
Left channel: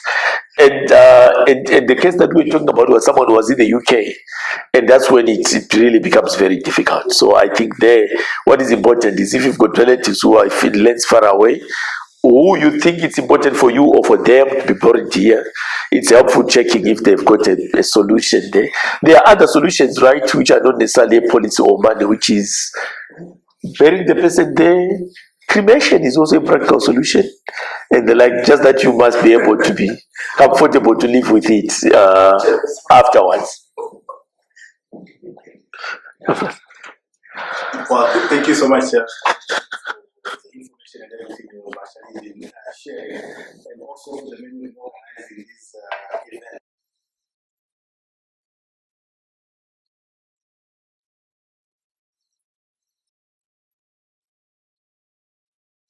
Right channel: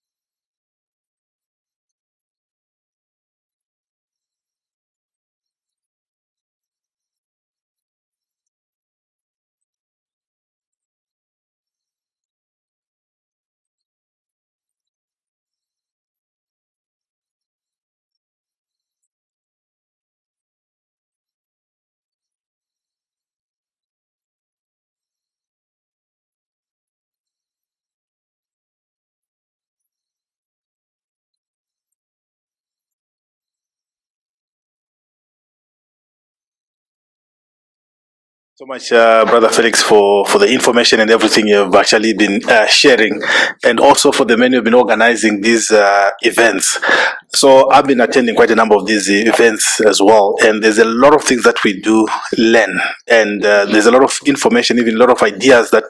And the case that we're talking about was someone who was in the UK, and that's when it really becomes very difficult. So I think what is important is if you've got relatives who are lands far away, who you think it's important for you or for them to be buried here, it's helpful checking if they've got a solution there. There are other solutions, right, which are not necessarily policy or money, which is burying the person there. Cremation is also a practical solution, and just that you must be able to be comfortable to live with it afterwards. Well, thank you so much, Brother Felix, for the information and everything you've actually been sharing, and also for the men who've been organizing these events. So I've been attending quite a number of these events as well, and there's a lot of things that we do learn, and there's a lot of information, even a lot of ideas that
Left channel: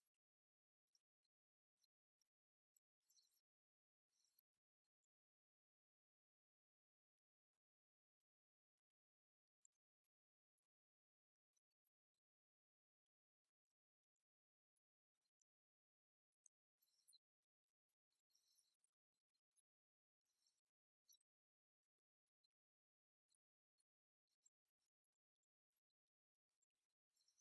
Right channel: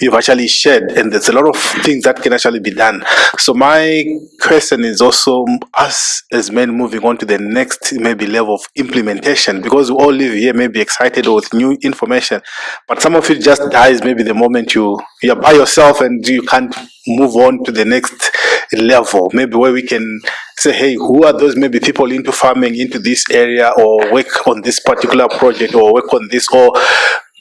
you've actually shared, and there's a lot of things that can actually be done. So my question is also us as men moving on to the next maybe level of implementation, because we all live here maybe excited with new information, but some of it just dies maybe the moment you're by yourself and you can't move on to the next level, maybe where we can say, hey, who are those maybe people into farming into this area, or work on this particular project, or work on this, or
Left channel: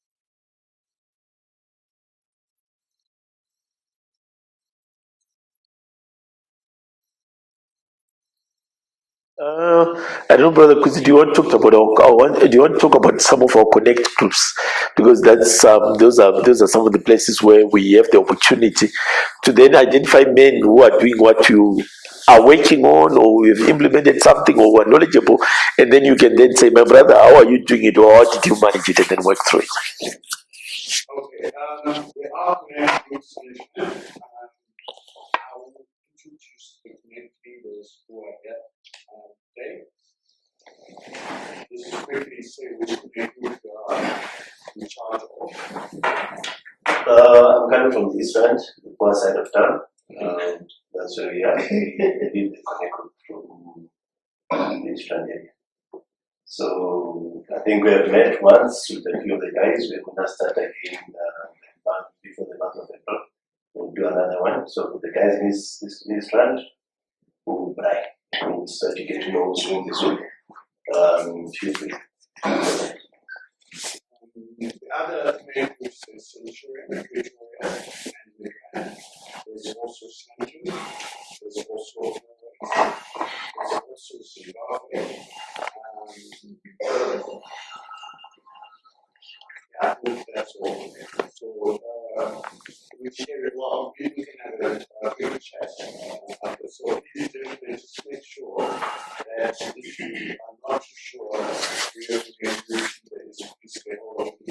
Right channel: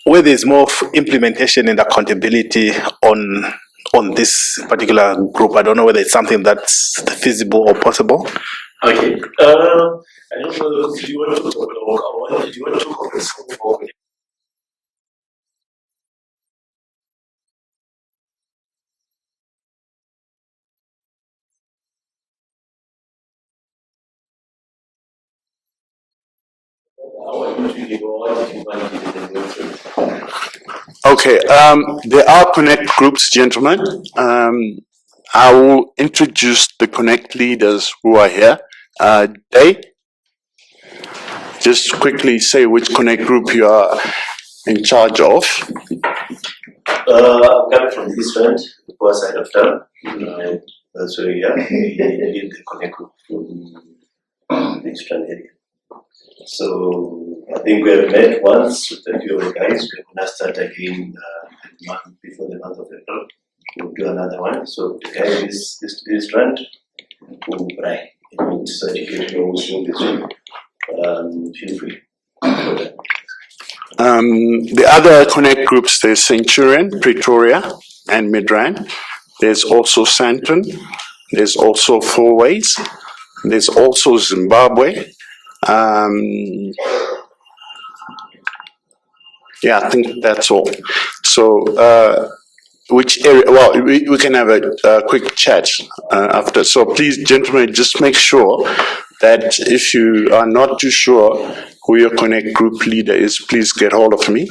where there's more implementation and accountability on on this particular group. I don't know whether it's something that's feasible or possible. Okay. I don't know, Brother Kuzi, do you want to talk about do you want to talk about some of our connect groups? Because that's those are some of the places where we have the opportunity to then identify men who are doing what you are working on, or we've implemented something, or were knowledgeable, and then you can then say, my brother, how are you doing it, or how did you manage it, and then work through it. Okay, there are connect groups, gentlemen. I will introduce the connect leaders who are here. They just quickly say which connect group you are in charge of. I'm coming from the East End, the poor side of town. That's where we are. We lead the connect group from the East End area. So I think we have met once with a few of the guys. We're going to start again before the month of April. We'll do another one. So the guys this strand will try. I mean, certificate also this week. Feel free. The other connect groups, there's Centurion, Pretoria, and Midrand. There's also Santon. There's also Four Ways. There's also Zimbabwe. Yeah, I think that's all. So, which area? Well, we can have a quick chat after. So please, gentlemen, just make sure that if you are not too sure who your connect group leader is, please get hold of me.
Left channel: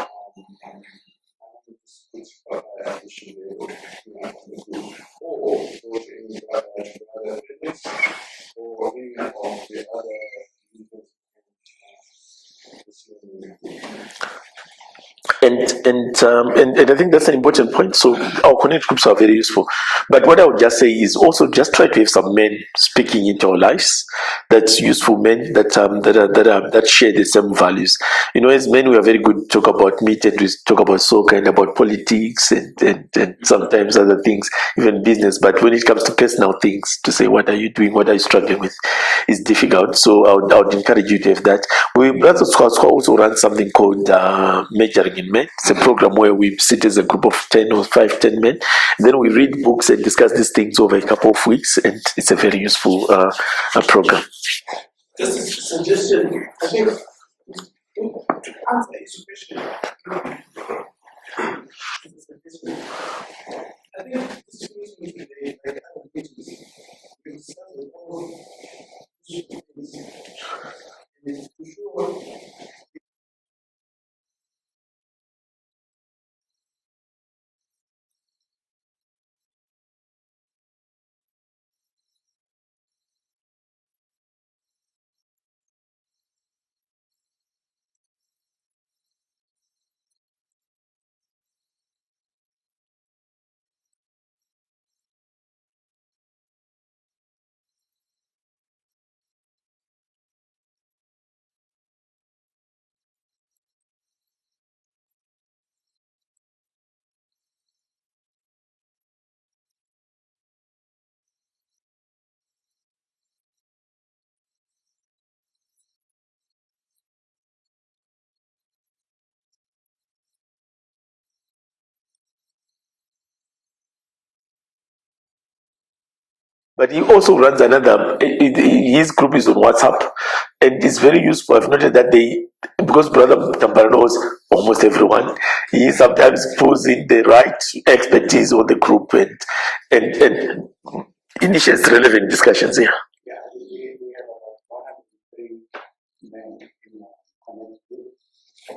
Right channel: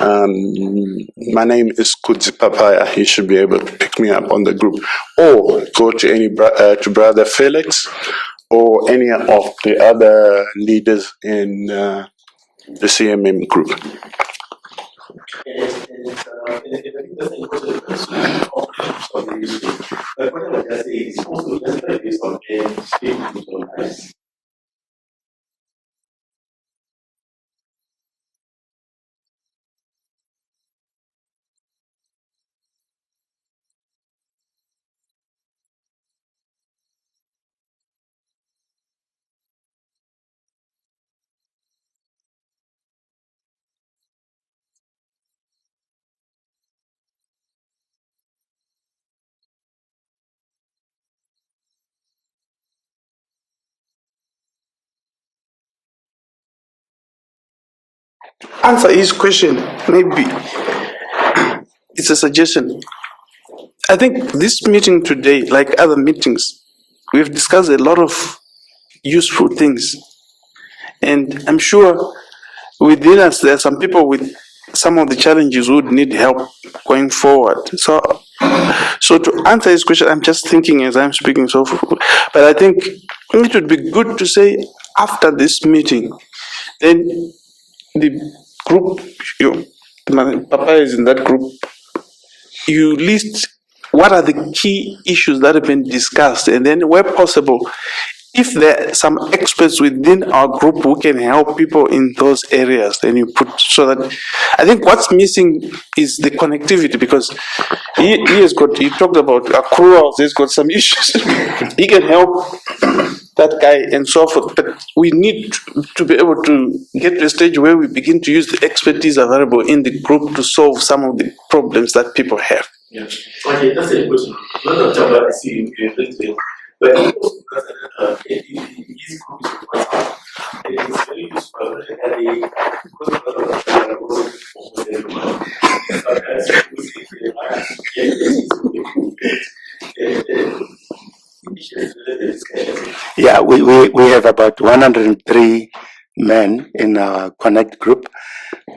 My name is Kudzi Papaya. You should be able to pick me up on the group, or go to to Brother Felix, or any of the other leaders in the CMM group. And I think that's an important point. So our connect groups are very useful. But what I would just say is also just try to have some men speaking into our lives. That's useful men that share the same values. You know, as men, we are very good to talk about meat, and we talk about soccer and about politics and sometimes other things, even business. But when it comes to personal things, to say what are you doing, what are you struggling with, is difficult. So I would encourage you to have that. We Brother Squad also run something called Measuring in Men. It's a program where we sit as a group of 10 or 10 men. Then we read books and discuss these things over a couple of weeks, and it's a very useful program. Just a suggestion. I think answer his question. Maybe it's a suggestion. I think this meeting today, like other meetings, we've discussed a lot of useful things, and I'm sure within us there are some people with some of the challenges who would need help going forward. So to answer his question, I'm just thinking as I'm speaking. But I think it would be good to say after this meeting, then the group, Papa is in that group, you list what are the key issues that have been discussed, and then where possible, if there are some experts within our group who can help people in those areas, then you put, so that I think what's missing is the connectivity, because he talked about accruals, he's got some issues. He can help that guy and so forth, but we need to be able to get to a stage where we begin to use the expertise available in the group to solve some of the problems that people have. Yeah. Okay, that's a question. I see you. But he also runs another, his group is on WhatsApp, and it's very useful. I've noted that because Brother Chapal knows almost everyone, he sometimes pulls in the right expertise on the group and initiates relevant discussions. Yeah. Yeah, we have about 103 men in our Connect group.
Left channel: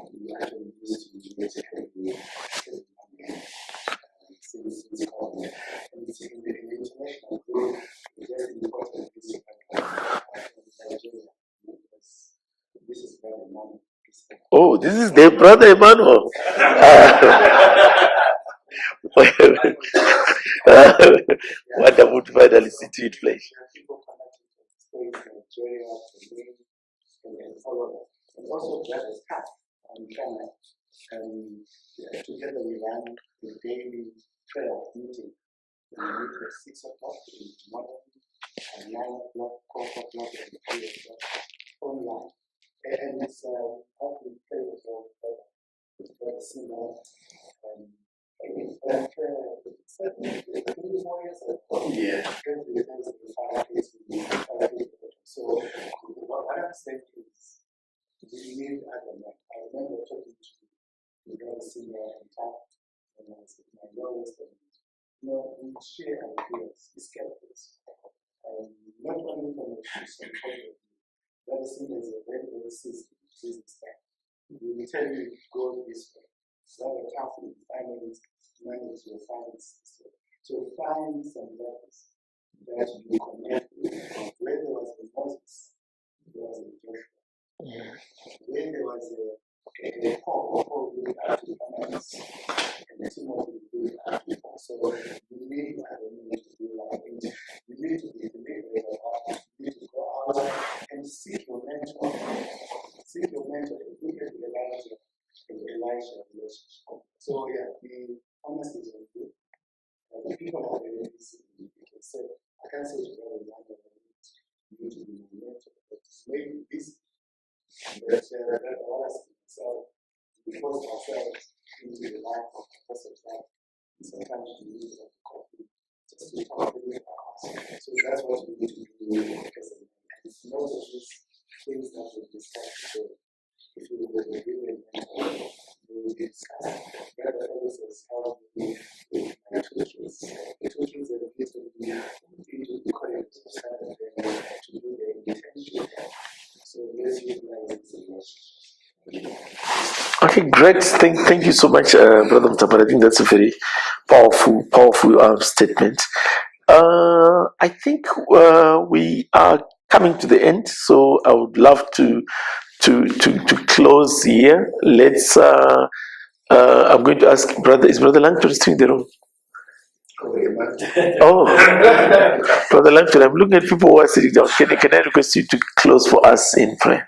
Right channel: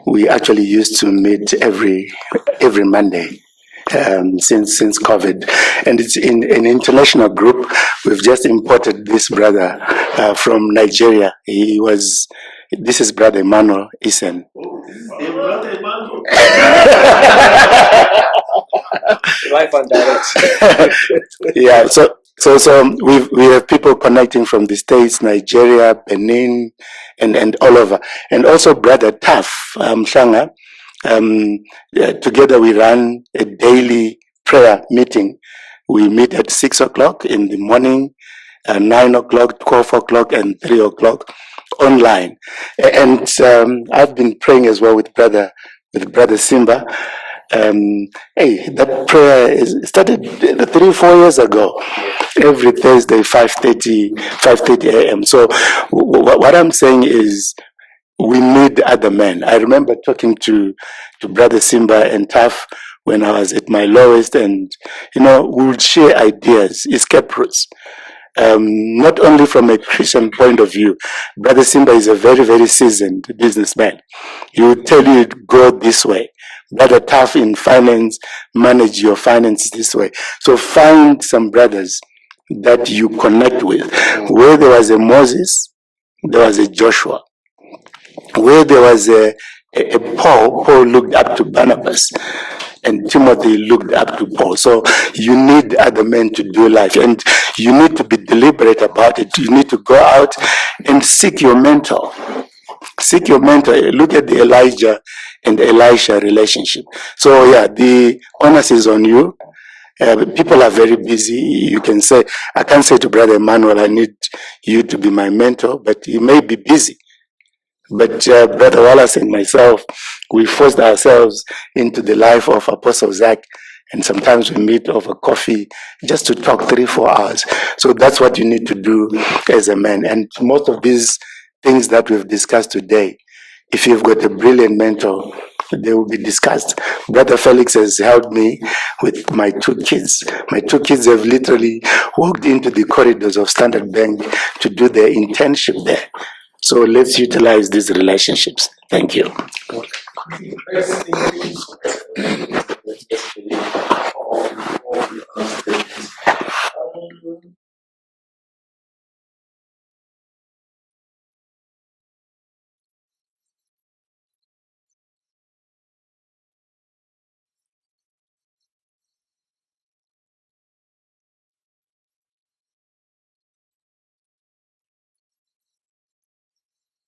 We actually used to meet every Monday. Since COVID, and it's in an international group. We've just imported this brother from Nigeria. This is Brother Emmanuel Isen. Oh, this is the Brother Emmanuel. Live and direct. Yeah, so we have people connecting from the States, Nigeria, Benin, and all over, and also Brother Taf Shanga. Together we run a daily prayer meeting. We meet at 6 o'clock in the morning, 9 o'clock, 12 o'clock, and 3 o'clock online. And I've been praying as well with Brother Simba. Hey, that prayer started 3-4 years ago. Every Thursday, 5:30 a.m. So what I'm saying is, we need other men. I remember talking to Brother Simba and Taf when I was at my lowest, and we would share ideas, escape routes. Not only from a Christian point of view, Brother Simba is a very, very seasoned businessman. He would tell you, go this way. Brother Tough in finance, manage your finances this way. So find some brothers that you connect with. Where there was a Moses, there was a Joshua. Where there was a Paul, Paul looked up to Barnabas, and Timothy looked up to Paul. So you need other men to do life, and you need to be deliberate about it. You need to go out and seek your mentor. Seek your mentor. Look at the Elijah and Elisha relationship. So yeah, the onus is on you. People are very busy. You can say, I can't say to Brother Emmanuel, I need you to be my mentor, but he may be busy. But Brother Wallace and myself, we forced ourselves into the life of Apostle Zach, and sometimes we meet over coffee just to talk 3-4 hours. So that's what you need to do as a man. And most of these things that we've discussed today, if you've got a brilliant mentor, they will be discussed. Brother Felix has helped me with my 2 kids. My 2 kids have literally walked into the corridors of Standard Bank to do their internship there. So let's utilize these relationships. Thank you. Okay, great. Thank you so much, Brother Mutapara. I think that's a very powerful statement. I think we are coming to the end, so I would love to close here. Let's. I'm going to ask is Brother Langton still in the room? Oh, Brother Langton, I'm looking at people who are sitting down. Can I request you to close for us in prayer?